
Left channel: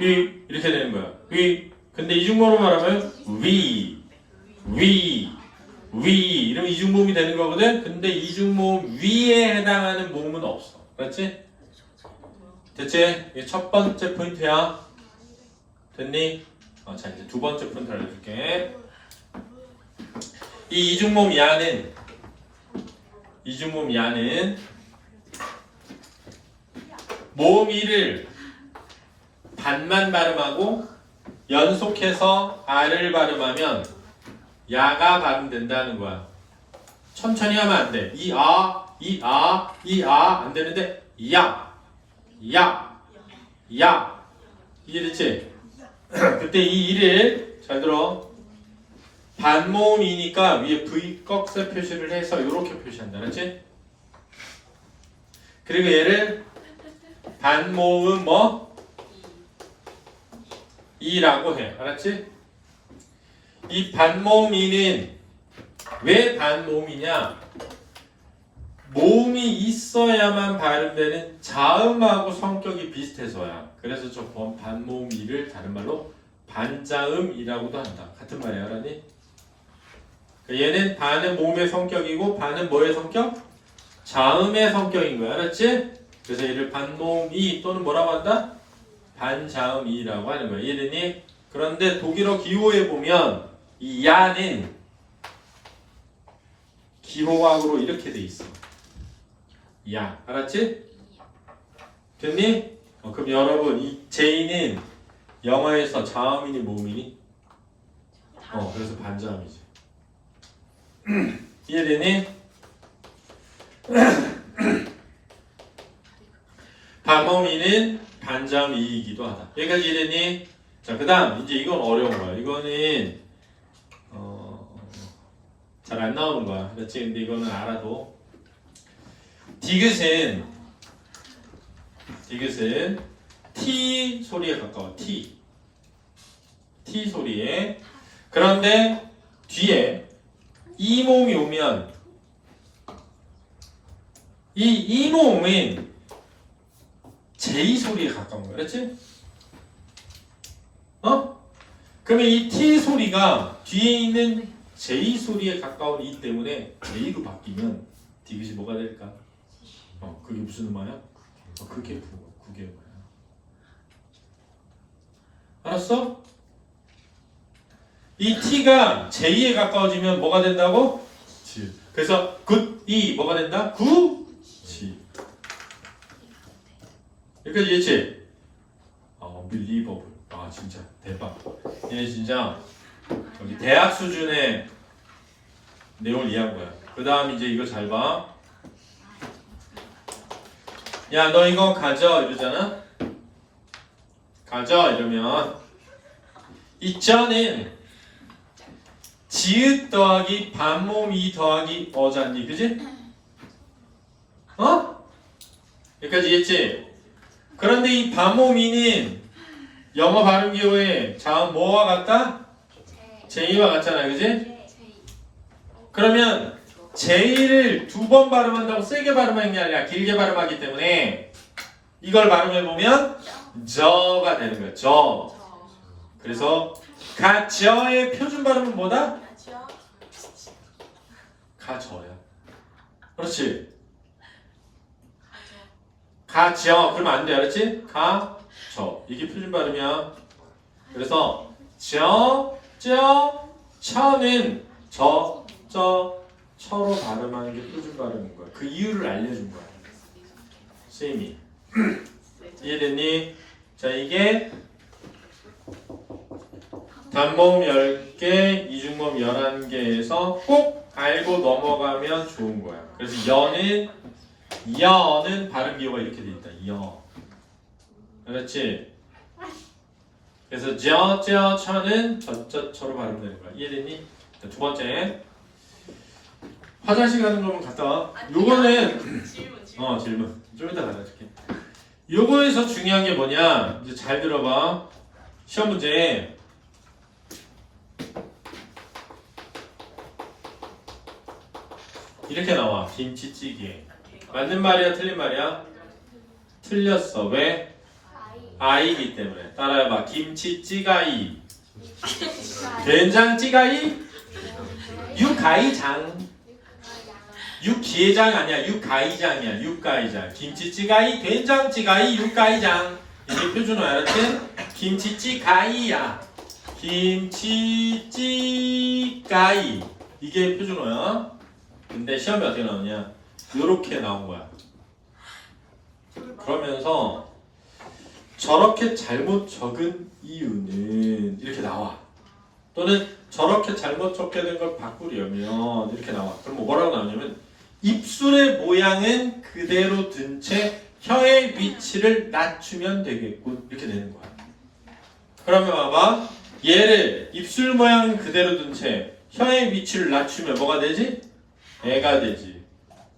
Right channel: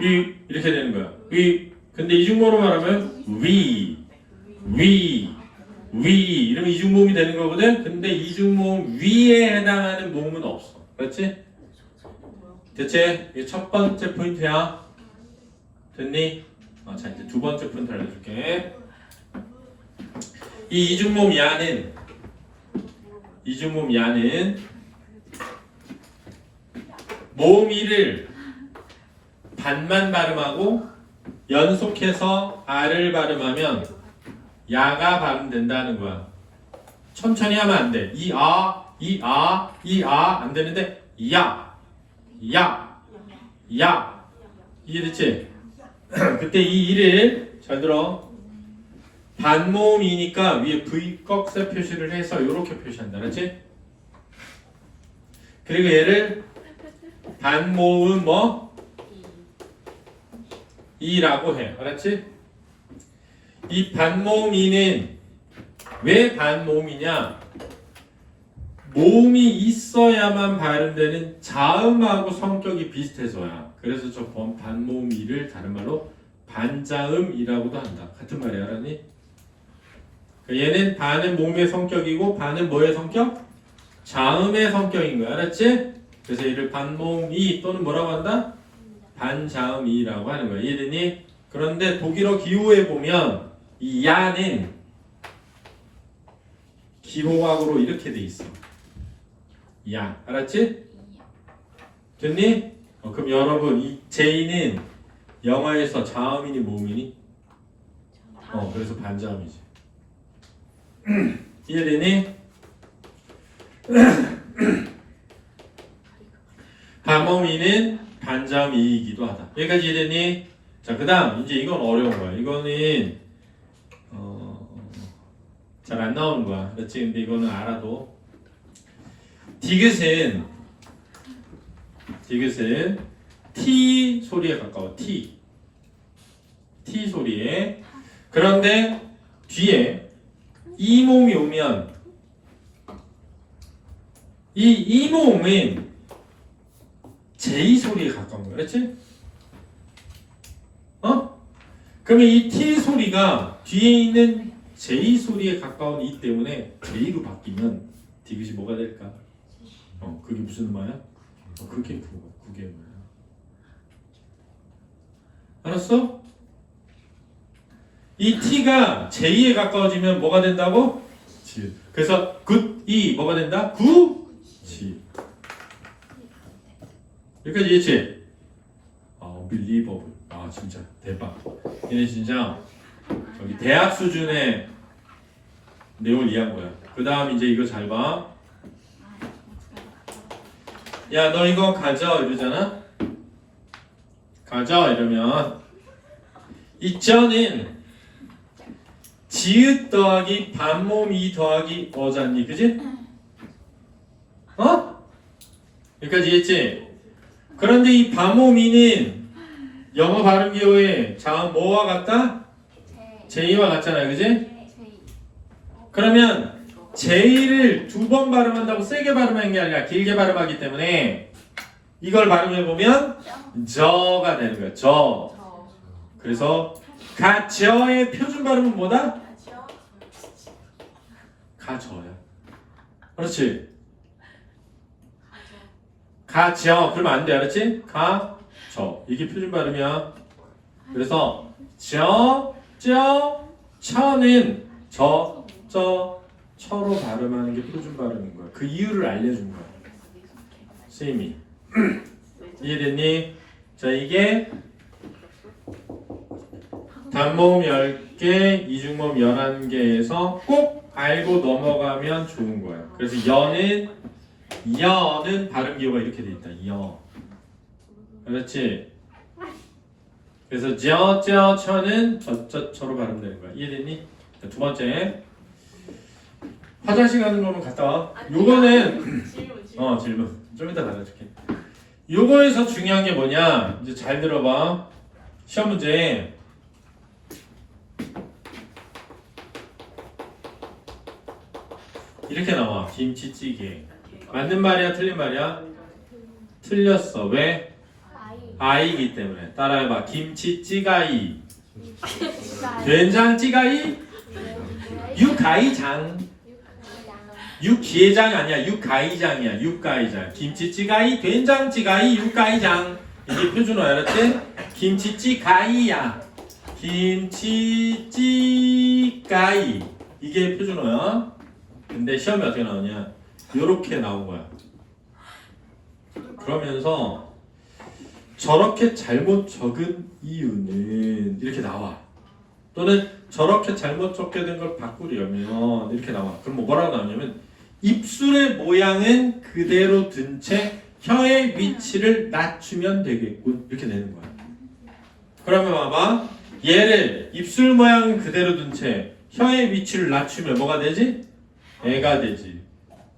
이렇게 되는 거야. 근데 이중모음으로 말하면 위 이러면 이중모음이 되는 거거든. 근데 이중모음 위에 해당하는 모음은 없어. 그렇지? 됐지? 이게 첫 번째 포인트야. 됐니? 자, 이제 두 번째 포인트 알려줄게. 이 이중모음 야는 모음 1을 반만 발음하고 연속해서 R을 발음하면 야가 발음된다는 거야. 천천히 하면 안 돼. 이 안 되는데 야 이해됐지? 그때 이 이를 잘 들어. 반모음이니까 위에 V 꺽쇠 표시를 해서 이렇게 표시한다. 그렇지? 그리고 얘를 반모음 뭐? 이라고 해. 알았지? 이 반모음 이는 왜 반모음이냐? 모음이 있어야만 발음되는 자음하고 성격이 비슷해서야. 그래서 저 반모음 이를 다른 말로 반자음이라고도 한다. 같은 말이야, 알았니? 얘는 반은 모음의 성격이고 반은 뭐의 성격? 자음의 성격인 거야, 알았지? 그래서 얘를 반모음이 또는 뭐라고 한다? 반자음이라고 하는 거야. 이해됐니? 그런데 독일어 기호에 보면 이 야는 기호학으로 이렇게 돼 있어. 야, 알았지? 됐니? 그럼 여러분 이 제이는 영어에서 자음이니 모음이니? 그래서 반자음이지. 이해되니? 반모음이는 반자음이기도 하다. 여기까지 이해되니? 자, 그 다음 이제 이건 어려운 거야. 이거는 잘 안 나오는 거야. 그렇지? 근데 이거는 알아도 디귿은 T 소리에 가까워. T 소리에. 그런데 뒤에 이 모음이 오면 이 모음은 J 소리에 가까운 거야. 그렇지? 그러면 이 T 소리가 뒤에 있는 J 소리에 가까운 이 때문에 J로 바뀌면 디귿이 뭐가 될까? 그게 무슨 음화야? 그게 음화야. 알았어? 이 T가 J에 가까워지면 뭐가 된다고? 지. 그래서 굿이 뭐가 된다? 구, 지. 여기까지 이해했지? unbelievable. 진짜 대박. 얘네 진짜 여기 대학 수준의 내용을 이해한 거야. 그 다음 이제 이거 잘 봐. 야, 너 이거 가져 이러잖아. 가져 이러면 이자는 지읒 더하기 반모음 이 더하기 어잖니, 그지? 여기까지 이해했지? 그런데 이 반모음 이는 영어 발음 기호에 자음 뭐와 같다? J와 같잖아, 그지? 그러면 J를 두 번 발음한다고 세게 발음하는 게 아니라 길게 발음하기 때문에 이걸 발음해보면 저가 되는 거야. 저. 그래서 가저의 표준 발음은 뭐다? 가저야. 그렇지. 가저. 그러면 안 돼. 알았지? 가저. 이게 표준 발음이야. 그래서 처는 처로 발음하는 게 표준 발음인 거야. 그 이유를 알려준 거야. 선생님이. 이해됐니? 자, 이게 단모음 10개, 이중모음 11개에서 꼭 알고 넘어가면 좋은 거야. 그래서 여는 발음 기호가 이렇게 돼 있다. 여. 그렇지? 그래서 처는 저로 발음되는 거야. 이해됐니? 자, 두 번째. 화장실 가는 거면 갔다 와. 요거는 질문. 좀 이따 받아줄게. 요거에서 중요한 게 뭐냐? 이제 잘 들어봐. 시험 문제. 이렇게 나와. 김치찌개. 맞는 말이야, 틀린 말이야? 틀렸어. 왜? 아이기 때문에. 따라해봐. 김치찌가이. 된장찌가이. 육가이장. 육기장 아니야. 육가이장이야. 육가이장. 김치찌가이, 된장찌가이, 육가이장. 이게 표준어 알았지? 김치찌가이야. 김치찌가이. 이게 표준어야. 근데 시험이 어떻게 나오냐? 요렇게 나온 거야. 그러면서 저렇게 잘못 적은 이유는 이렇게 나와. 또는 저렇게 잘못 적게 된 걸 바꾸려면 이렇게 나와. 그럼 뭐라고 나오냐면 입술의 모양은 그대로 둔 채 혀의 위치를 낮추면 되겠군. 이렇게 되는 거야. 그러면 봐봐. 얘를 입술 모양은 그대로 둔 채 혀의 위치를 낮추면 뭐가 되지? 애가 되지.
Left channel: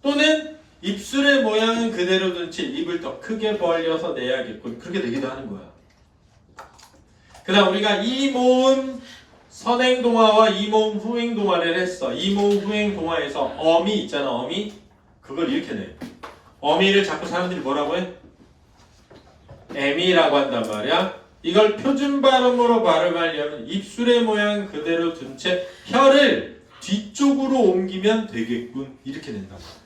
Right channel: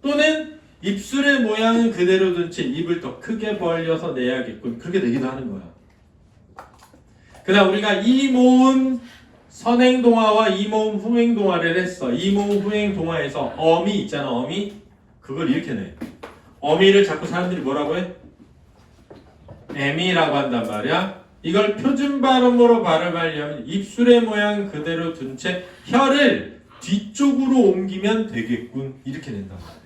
또는 입술의 모양은 그대로 둔 채 입을 더 크게 벌려서 내야겠군. 그렇게 되기도 하는 거야. 그다음 우리가 이모음 선행동화와 이모음 후행동화를 했어. 이모음 후행동화에서 어미 있잖아. 어미. 그걸 이렇게 내. 어미를 자꾸 사람들이 뭐라고 해? 에미라고 한단 말이야. 이걸 표준 발음으로 발음하려면 입술의 모양 그대로 둔 채 혀를 뒤쪽으로 옮기면 되겠군. 이렇게 된단 말이야.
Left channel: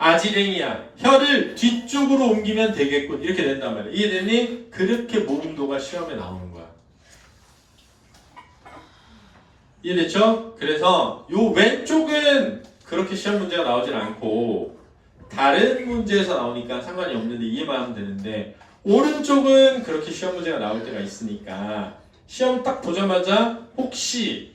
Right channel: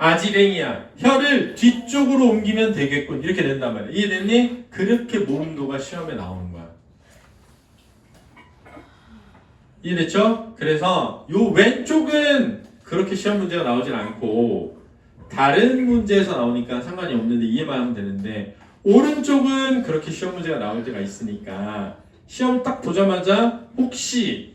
아지랭이야. 혀를 뒤쪽으로 옮기면 되겠군. 이렇게 된단 말이야. 이해됐니? 그렇게 모음도가 시험에 나오는 거야. 이해됐죠? 그래서 요 왼쪽은 그렇게 시험 문제가 나오질 않고 다른 문제에서 나오니까 상관이 없는데 이해만 하면 되는데 오른쪽은 그렇게 시험 문제가 나올 때가 있으니까 시험 딱 보자마자 혹시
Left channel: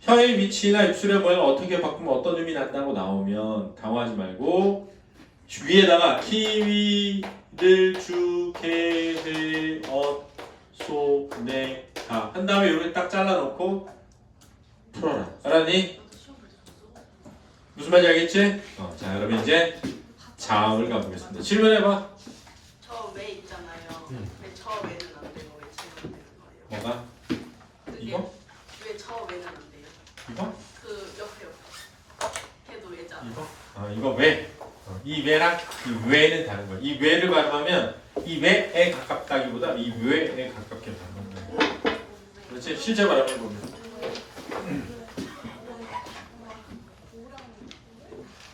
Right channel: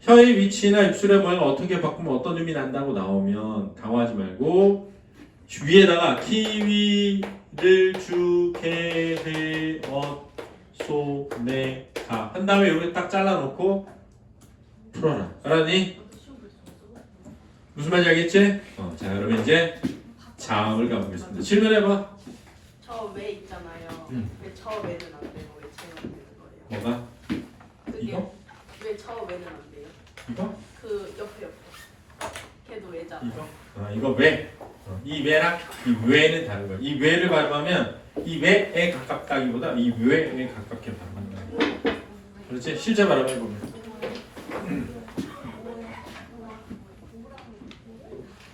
혀의 위치나 입술의 모양을 어떻게 바꾸면 어떤 의미 난다고 나오면 당황하지 말고 위에다가 키위를 주게회 어소네가 한 다음에 이렇게 딱 잘라놓고 풀어라. 알았니? 무슨 말인지 알겠지? 자 그러면 이제 자음을 가보겠습니다. 질문해봐. 저 왜 있잖아요. 왜 저 왜는 안 되고 왜 쟤는 되는 거예요? 뭐가? 그게 이거? 왜 저 왜는 안 돼요? 이거? 그 옆에 걔도 왜잖아. 이거? 이거 왜? 이 왜랑 이 왜는 다른 거야. 이 왜를 발음하면 이 왜에 가깝다기보다 이 왜에 가깝게 발음한다. 그렇지? 실제 발음해보면.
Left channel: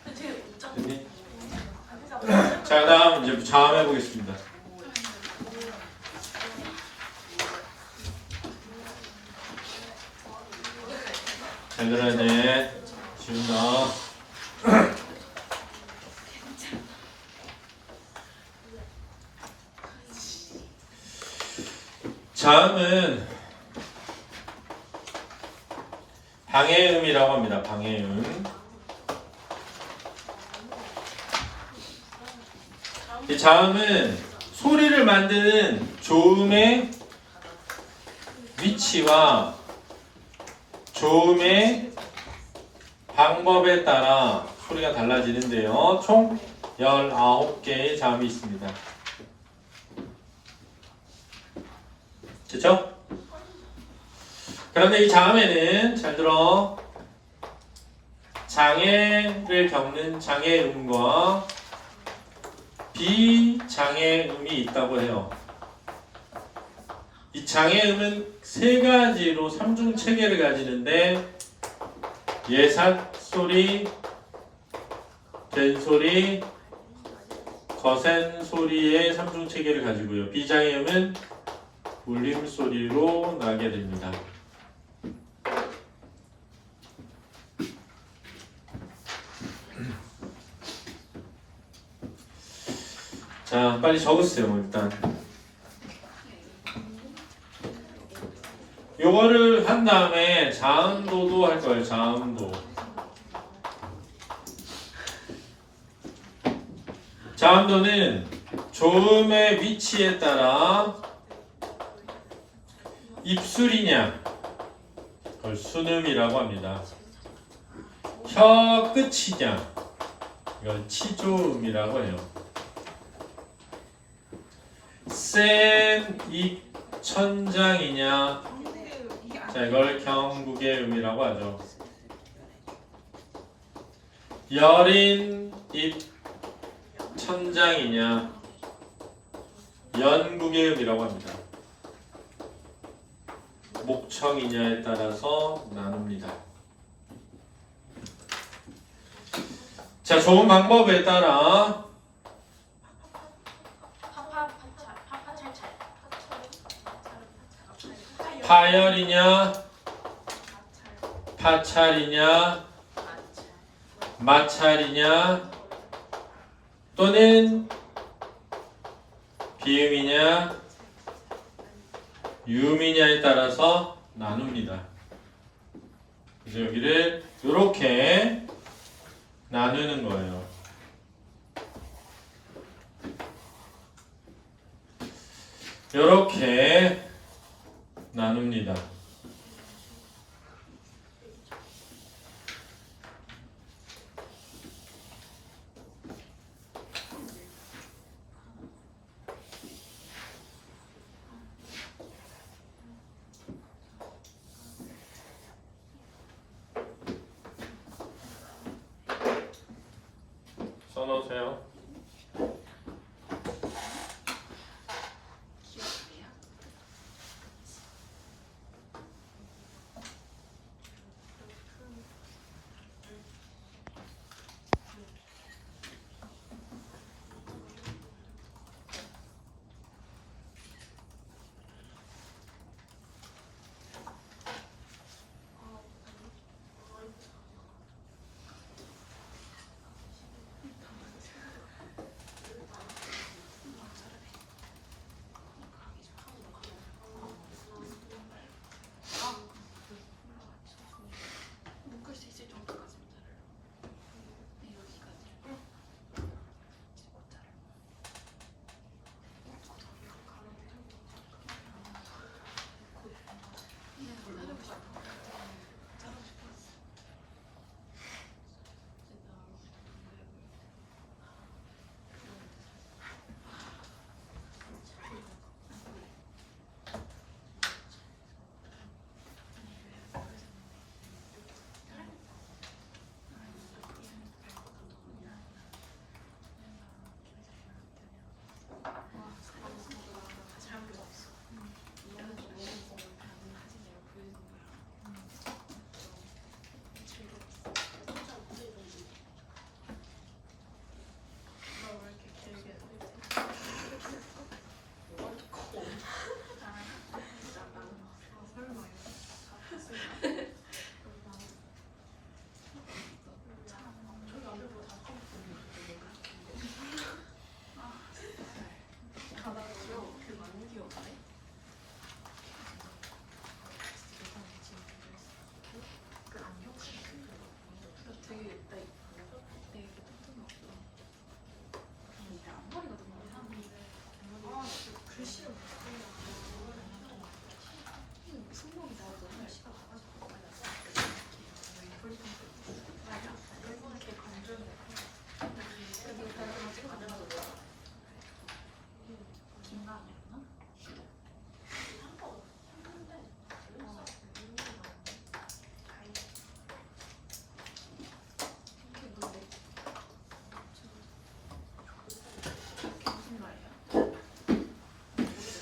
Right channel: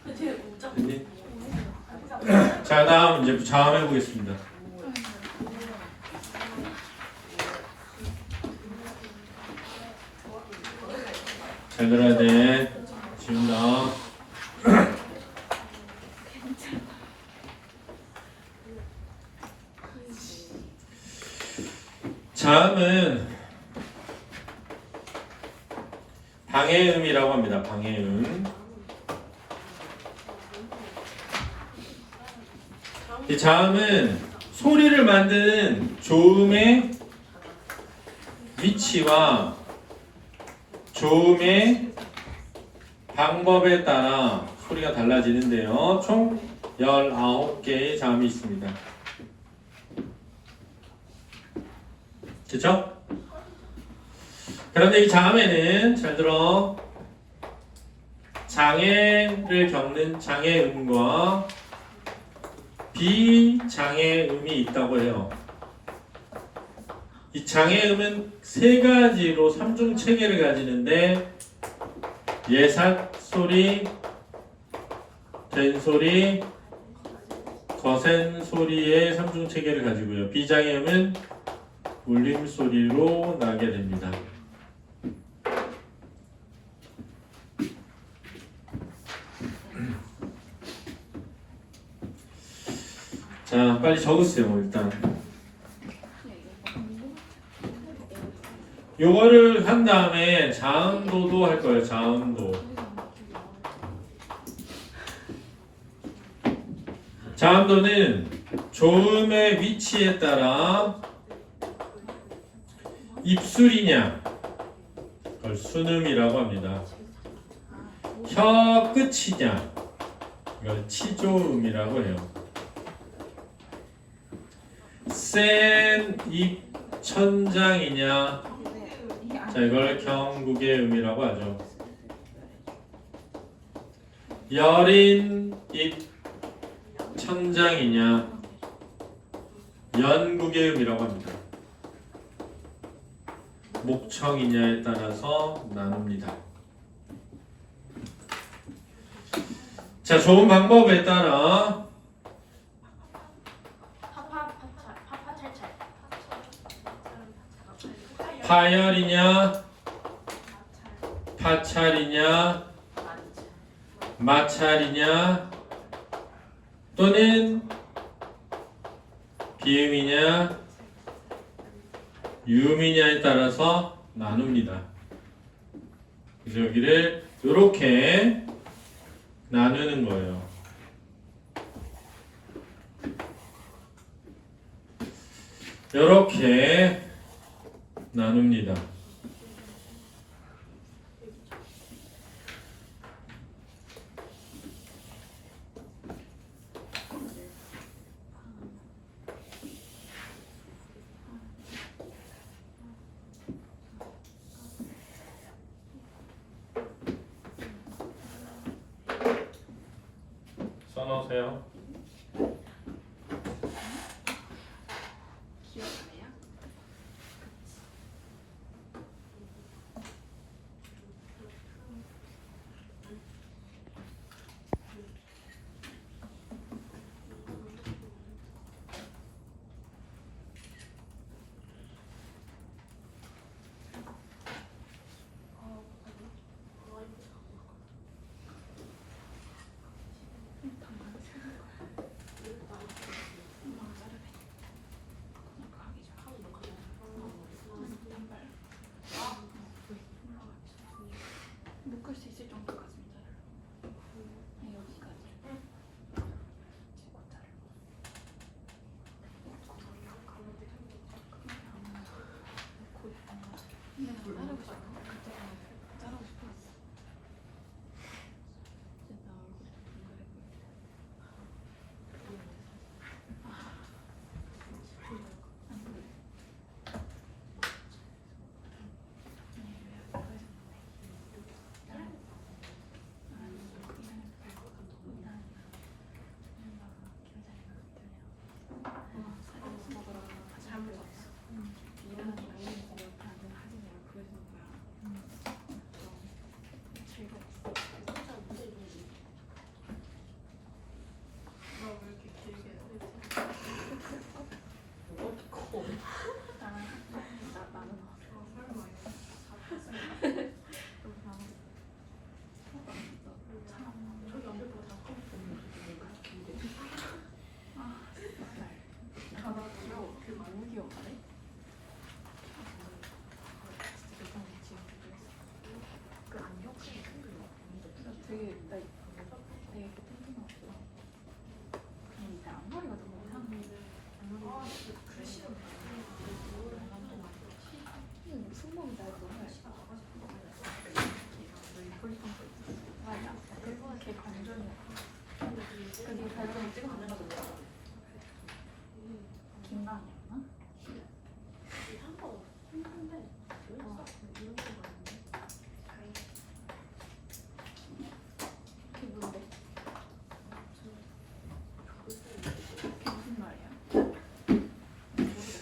그 되게 복잡. 됐니? 자 다음 이제 자음 해보겠습니다. 잘 들어야 돼. 지금부터. 자음은 방해음이라고 합니다. 방해음. 이 자음은 소리를 만드는 조음의 위치와 조음의 방법에 따라 소리가 달라지는데요. 총 19개의 자음이 있습니다. 됐죠? 그런데 이 자음에는 잘 들어 장애를 겪는 장애음과 비장애음이 있다고 해요. 이 장애음은 세 가지로 삼중 체계를 가지는데 예삭 소리, 된소리, 거센 소리의 삼중 체계를 가지고요. 비장애음은 울림 소리로 나게 됩니다. 자, 빨리 적으세요, 일단. 요거를 한 다음에 자음도도 할 거예요, 자음도. 자음도는 조음의 위치에 따라 입술이냐, 그걸 순음이라고 합니다. 혀 끝이냐, 이걸 치조음이라고 해요. 센 입 천장이냐, 자 이걸 경국의 음이라고 하죠. 여린 입 천장이냐, 연국의 음이라고 합니다. 목청이냐에 따라서 나눕니다. 자, 좋은 방법에 따라 파파찰찰. 파열이냐, 파찰이냐, 마찰이냐, 또는 비음이냐, 유음이냐에 따라서 나눕니다. 그래서 여기를 이렇게 나누는 거예요. 이렇게 나눕니다.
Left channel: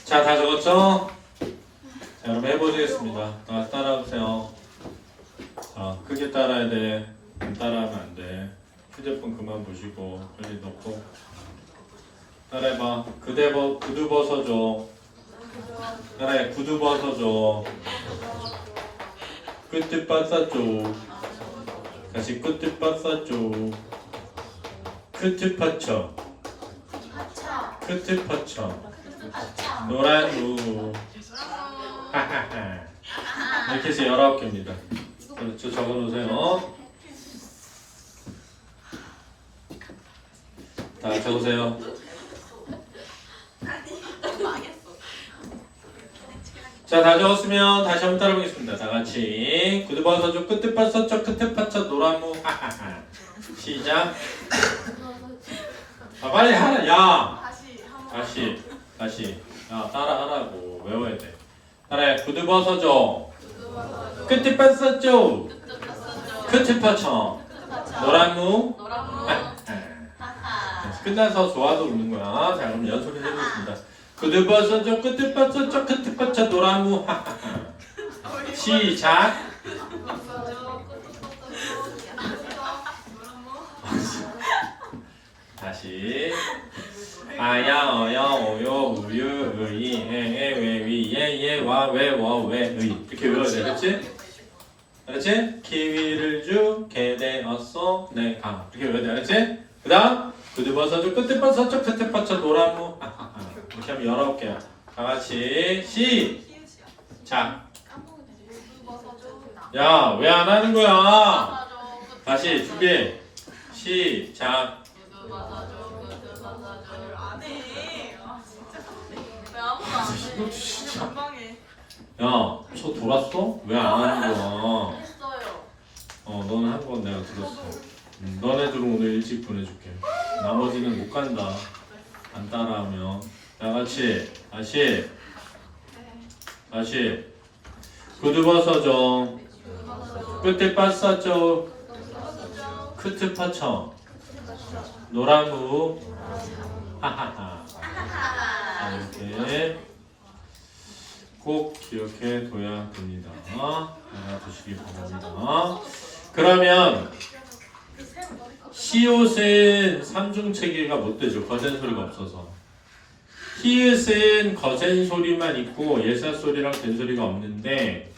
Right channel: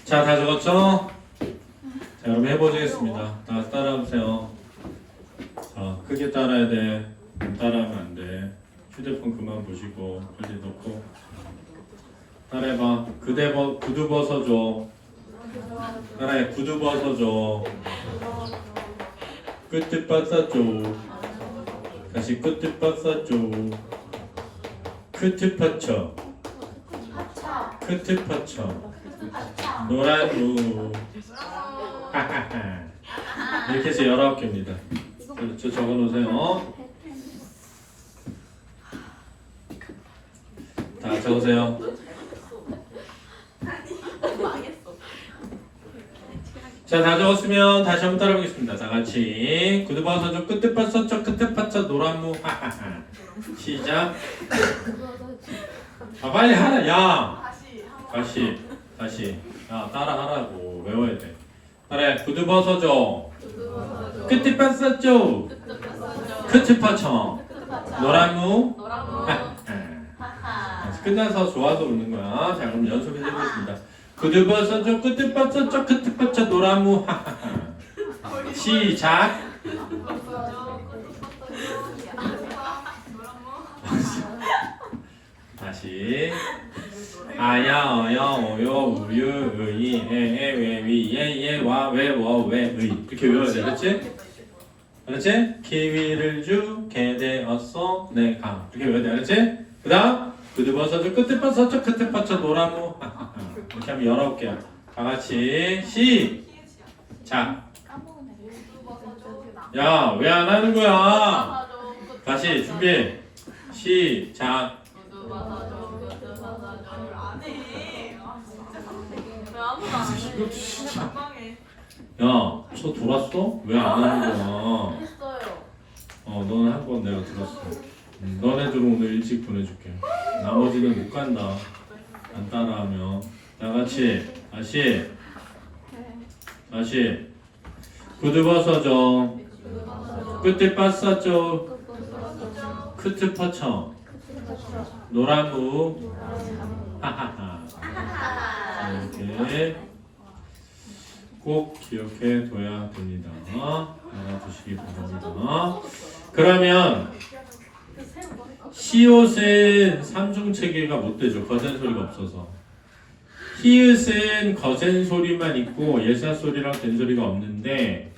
자, 다 적었죠? 자, 그럼 해보시겠습니다. 따라하세요. 자, 크게 따라야 돼. 따라하면 안 돼. 휴대폰 그만 보시고 빨리 넣고 따라해봐. 구두 벗어줘. 따라해. 구두 벗어줘. 끝을 빠싸줘. 다시 끝을 빠싸줘. 끝을 받쳐. 끝을 받쳐. 노란 루. 하하하. 이렇게 해서 19개입니다. 그렇죠. 적어놓으세요. 다 적으세요. 망했어. 자, 다 적었으면 다시 한번 따라보겠습니다. 다 같이 구두 벗어줘. 끝을 빠싸줘. 끝을 받쳐. 노란 무. 하하하. 시작. 아, 빨리 하라. 야. 다시. 야, 따라하라고. 외워야 돼. 따라해. 구두 벗어줘. 끝을 빠싸줘. 끝을 받쳐. 노란 무. 끝나서 좋아서 웃는 거야. 자, 그럼 연소리 해보겠습니다. 구두 벗어줘. 끝을 빠싸줘. 끝을 받쳐. 노란 무. 시작. 다시. 아야 어여 오요 우유 의이 에에 왜위 예예 와 왜 워 왜 의 이렇게 외워야 돼. 그렇지? 그렇지? 키위를 주게 되었어 내가 이렇게 외워야 돼. 그렇지? 그 다음 구두 벗어줘. 끝을 벗어줘. 끝을 받쳐. 노란무. 이렇게 하면 19개야. 다 같이 시작. 야, 왜 안 하는 거야? 다시 준비. 시작. 야, 저 돌았어? 왜 안 하는 거야? 너는 한 건 내가 들었어. 너네들은 오늘 일찍 보내줄게. 나머지는 못 간다. 안 따라하면. 다 같이 다시. 구두 벗어줘. 끝을 빠싸줘. 끝을 받쳐. 노란무. 하하하. 이렇게 꼭 기억해 둬야 됩니다. 알아두시기 바랍니다. 그러면 시옷은 삼중체계가 못 되죠. 거센 소리가 없어서. 히읗은 거센 소리만 있고 예사 소리랑 된 소리가 없는데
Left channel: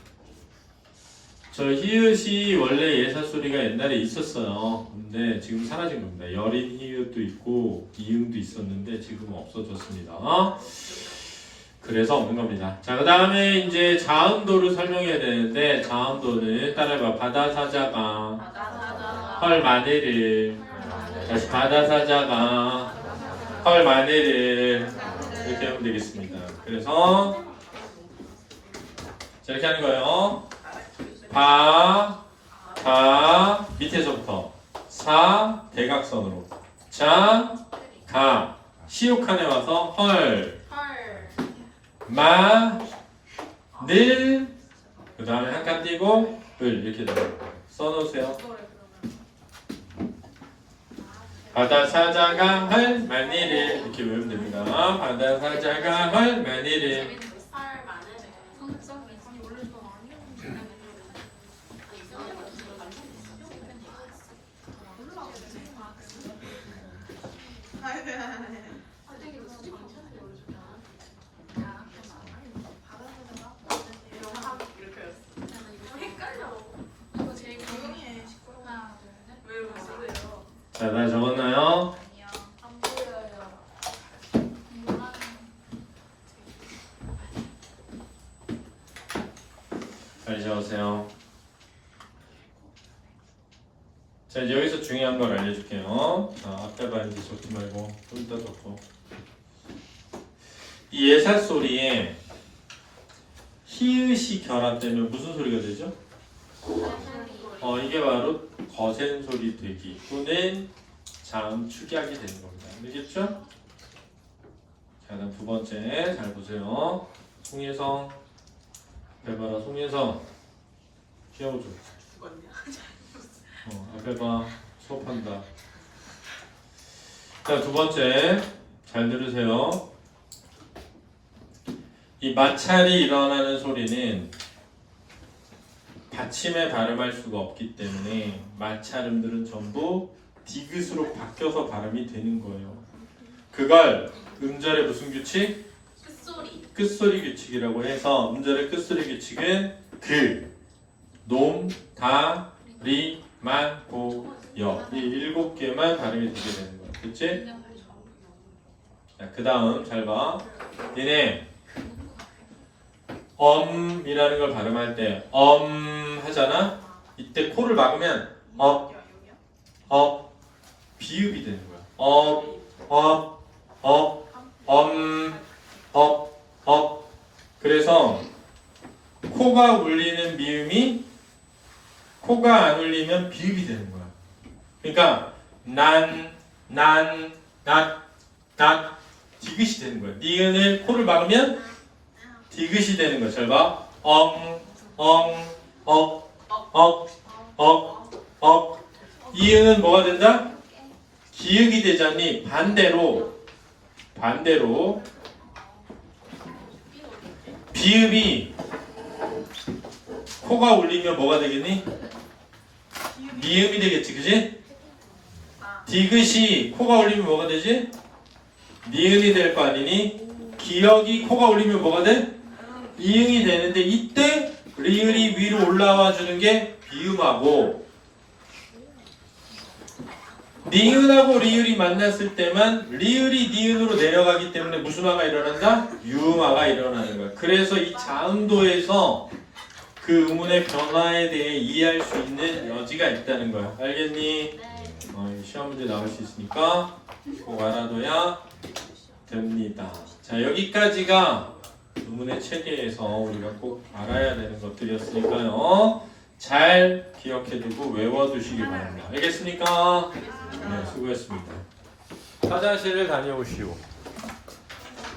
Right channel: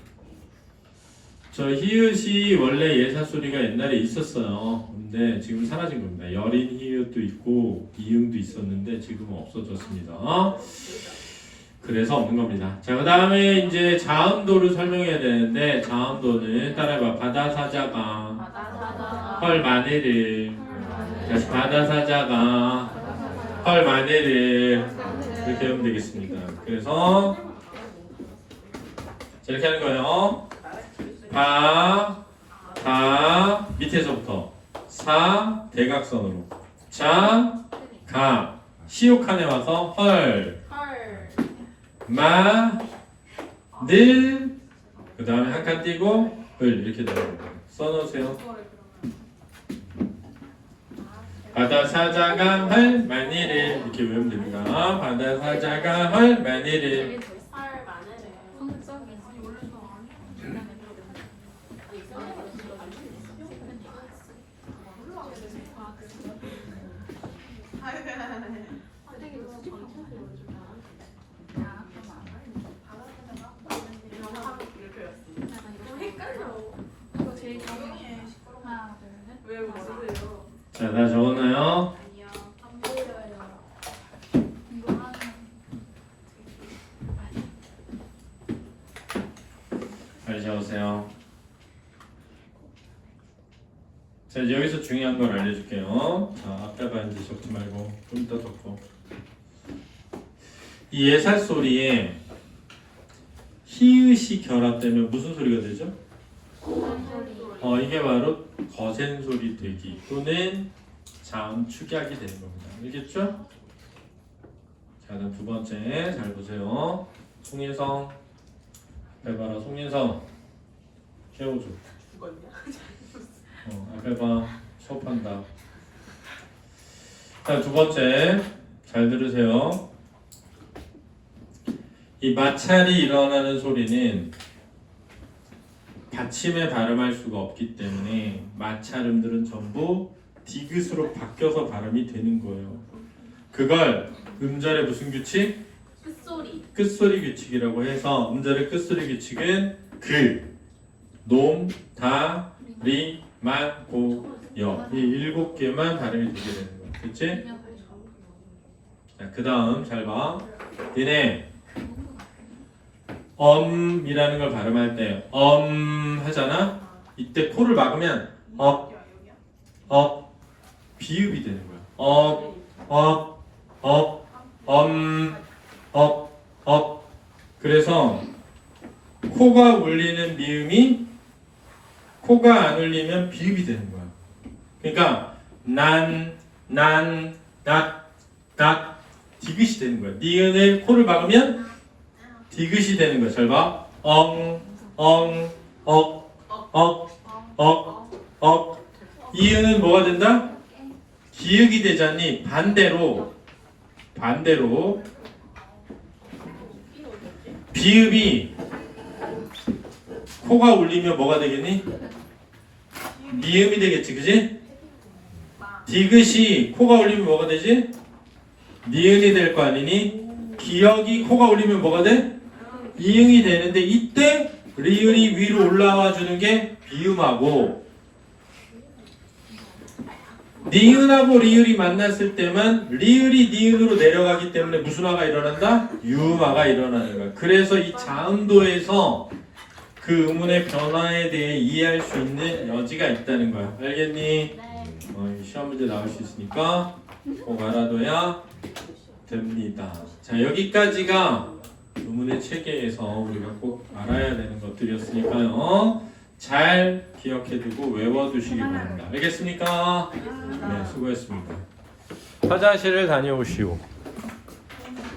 저 히읗이 원래 예사 소리가 옛날에 있었어요. 근데 지금 사라진 겁니다. 여린 히읗도 있고 이응도 있었는데 지금은 없어졌습니다. 그래서 없는 겁니다. 자, 그 다음에 이제 자음도를 설명해야 되는데 자음도는 따라해봐. 바다사자가 헐 마늘을 다시 바다사자가 헐 마늘을 이렇게 하면 되겠습니다. 그래서 자, 이렇게 하는 거예요. 밑에서부터 대각선으로 시옷칸에 와서 헐 늘 그 다음에 한 칸 띄고 을 이렇게 써놓으세요. 바다사자가 헐 마늘을 이렇게 외우면 됩니다. 바다사자가 헐 마늘을 자, 다 적었나요? 빨리 적으세요. 자, 이제 여기서 중요한 걸 알려줄게요. 자, 앞에 반지 적지 말고 좀 더 적고. 이 예사 소리에 히읗이 결합되면 무슨 소리가 되죠? 이게 바로 거센 소리 되기 또는 자음 축약이 되는 겁니다. 알겠죠? 자, 그럼 두 번째 잘 보세요. 송예성, 앞에 봐라. 송예성, 쉬어줘. 앞에 봐. 수업한다. 자, 두 번째 잘 들으세요. 이 마찰이 일어나는 소리는 받침에 발음할 수가 없기 때문에 마찰음들은 전부 디귿으로 바뀌어서 발음이 되는 거예요. 그걸 음절의 무슨 규칙? 끝소리. 끝소리 규칙이라고 해서 음절의 끝소리 규칙은 그, 놈, 다, 리, 만, 고, 여 이 7개만 발음이 되게 되는 거야. 그치? 자, 그 다음 잘 봐. 니네 이라는 걸 발음할 때 하잖아? 이때 코를 막으면 비읍이 되는 거야. 그래서 코가 울리는 미음이 코가 안 울리면 비읍이 되는 거야. 그러니까 디귿이 되는 거야. 니은을 코를 막으면 디귿이 되는 거야. 잘 봐. 이응은 뭐가 된다? 기역이 되자니 반대로 비읍이 코가 울리면 뭐가 되겠니? 미음이 되겠지, 그지? 디귿이 코가 울리면 뭐가 되지? 니은이 될 거 아니니? 기역이 코가 울리면 뭐가 돼? 이응이 되는데 이때 리을이 위로 올라와 주는 게 비음하고 니은하고 리을이 만났을 때만 리을이 니은으로 내려가기 때문에 무슨 화가 일어난다? 유음화가 일어나는 거야. 그래서 이 자음도에서 그 음운의 변화에 대해 이해할 수 있는 여지가 있다는 거야. 알겠니? 네. 시험 문제 나올 수 있으니까 꼭 알아둬야 됩니다. 자, 여기까지가 음운의 체계에서 우리가 꼭 알아야 되는 것들이었으니까요. 잘 기억해두고 외워두시기 바랍니다. 알겠습니까? 네, 수고했습니다. 화장실을 다녀오시오.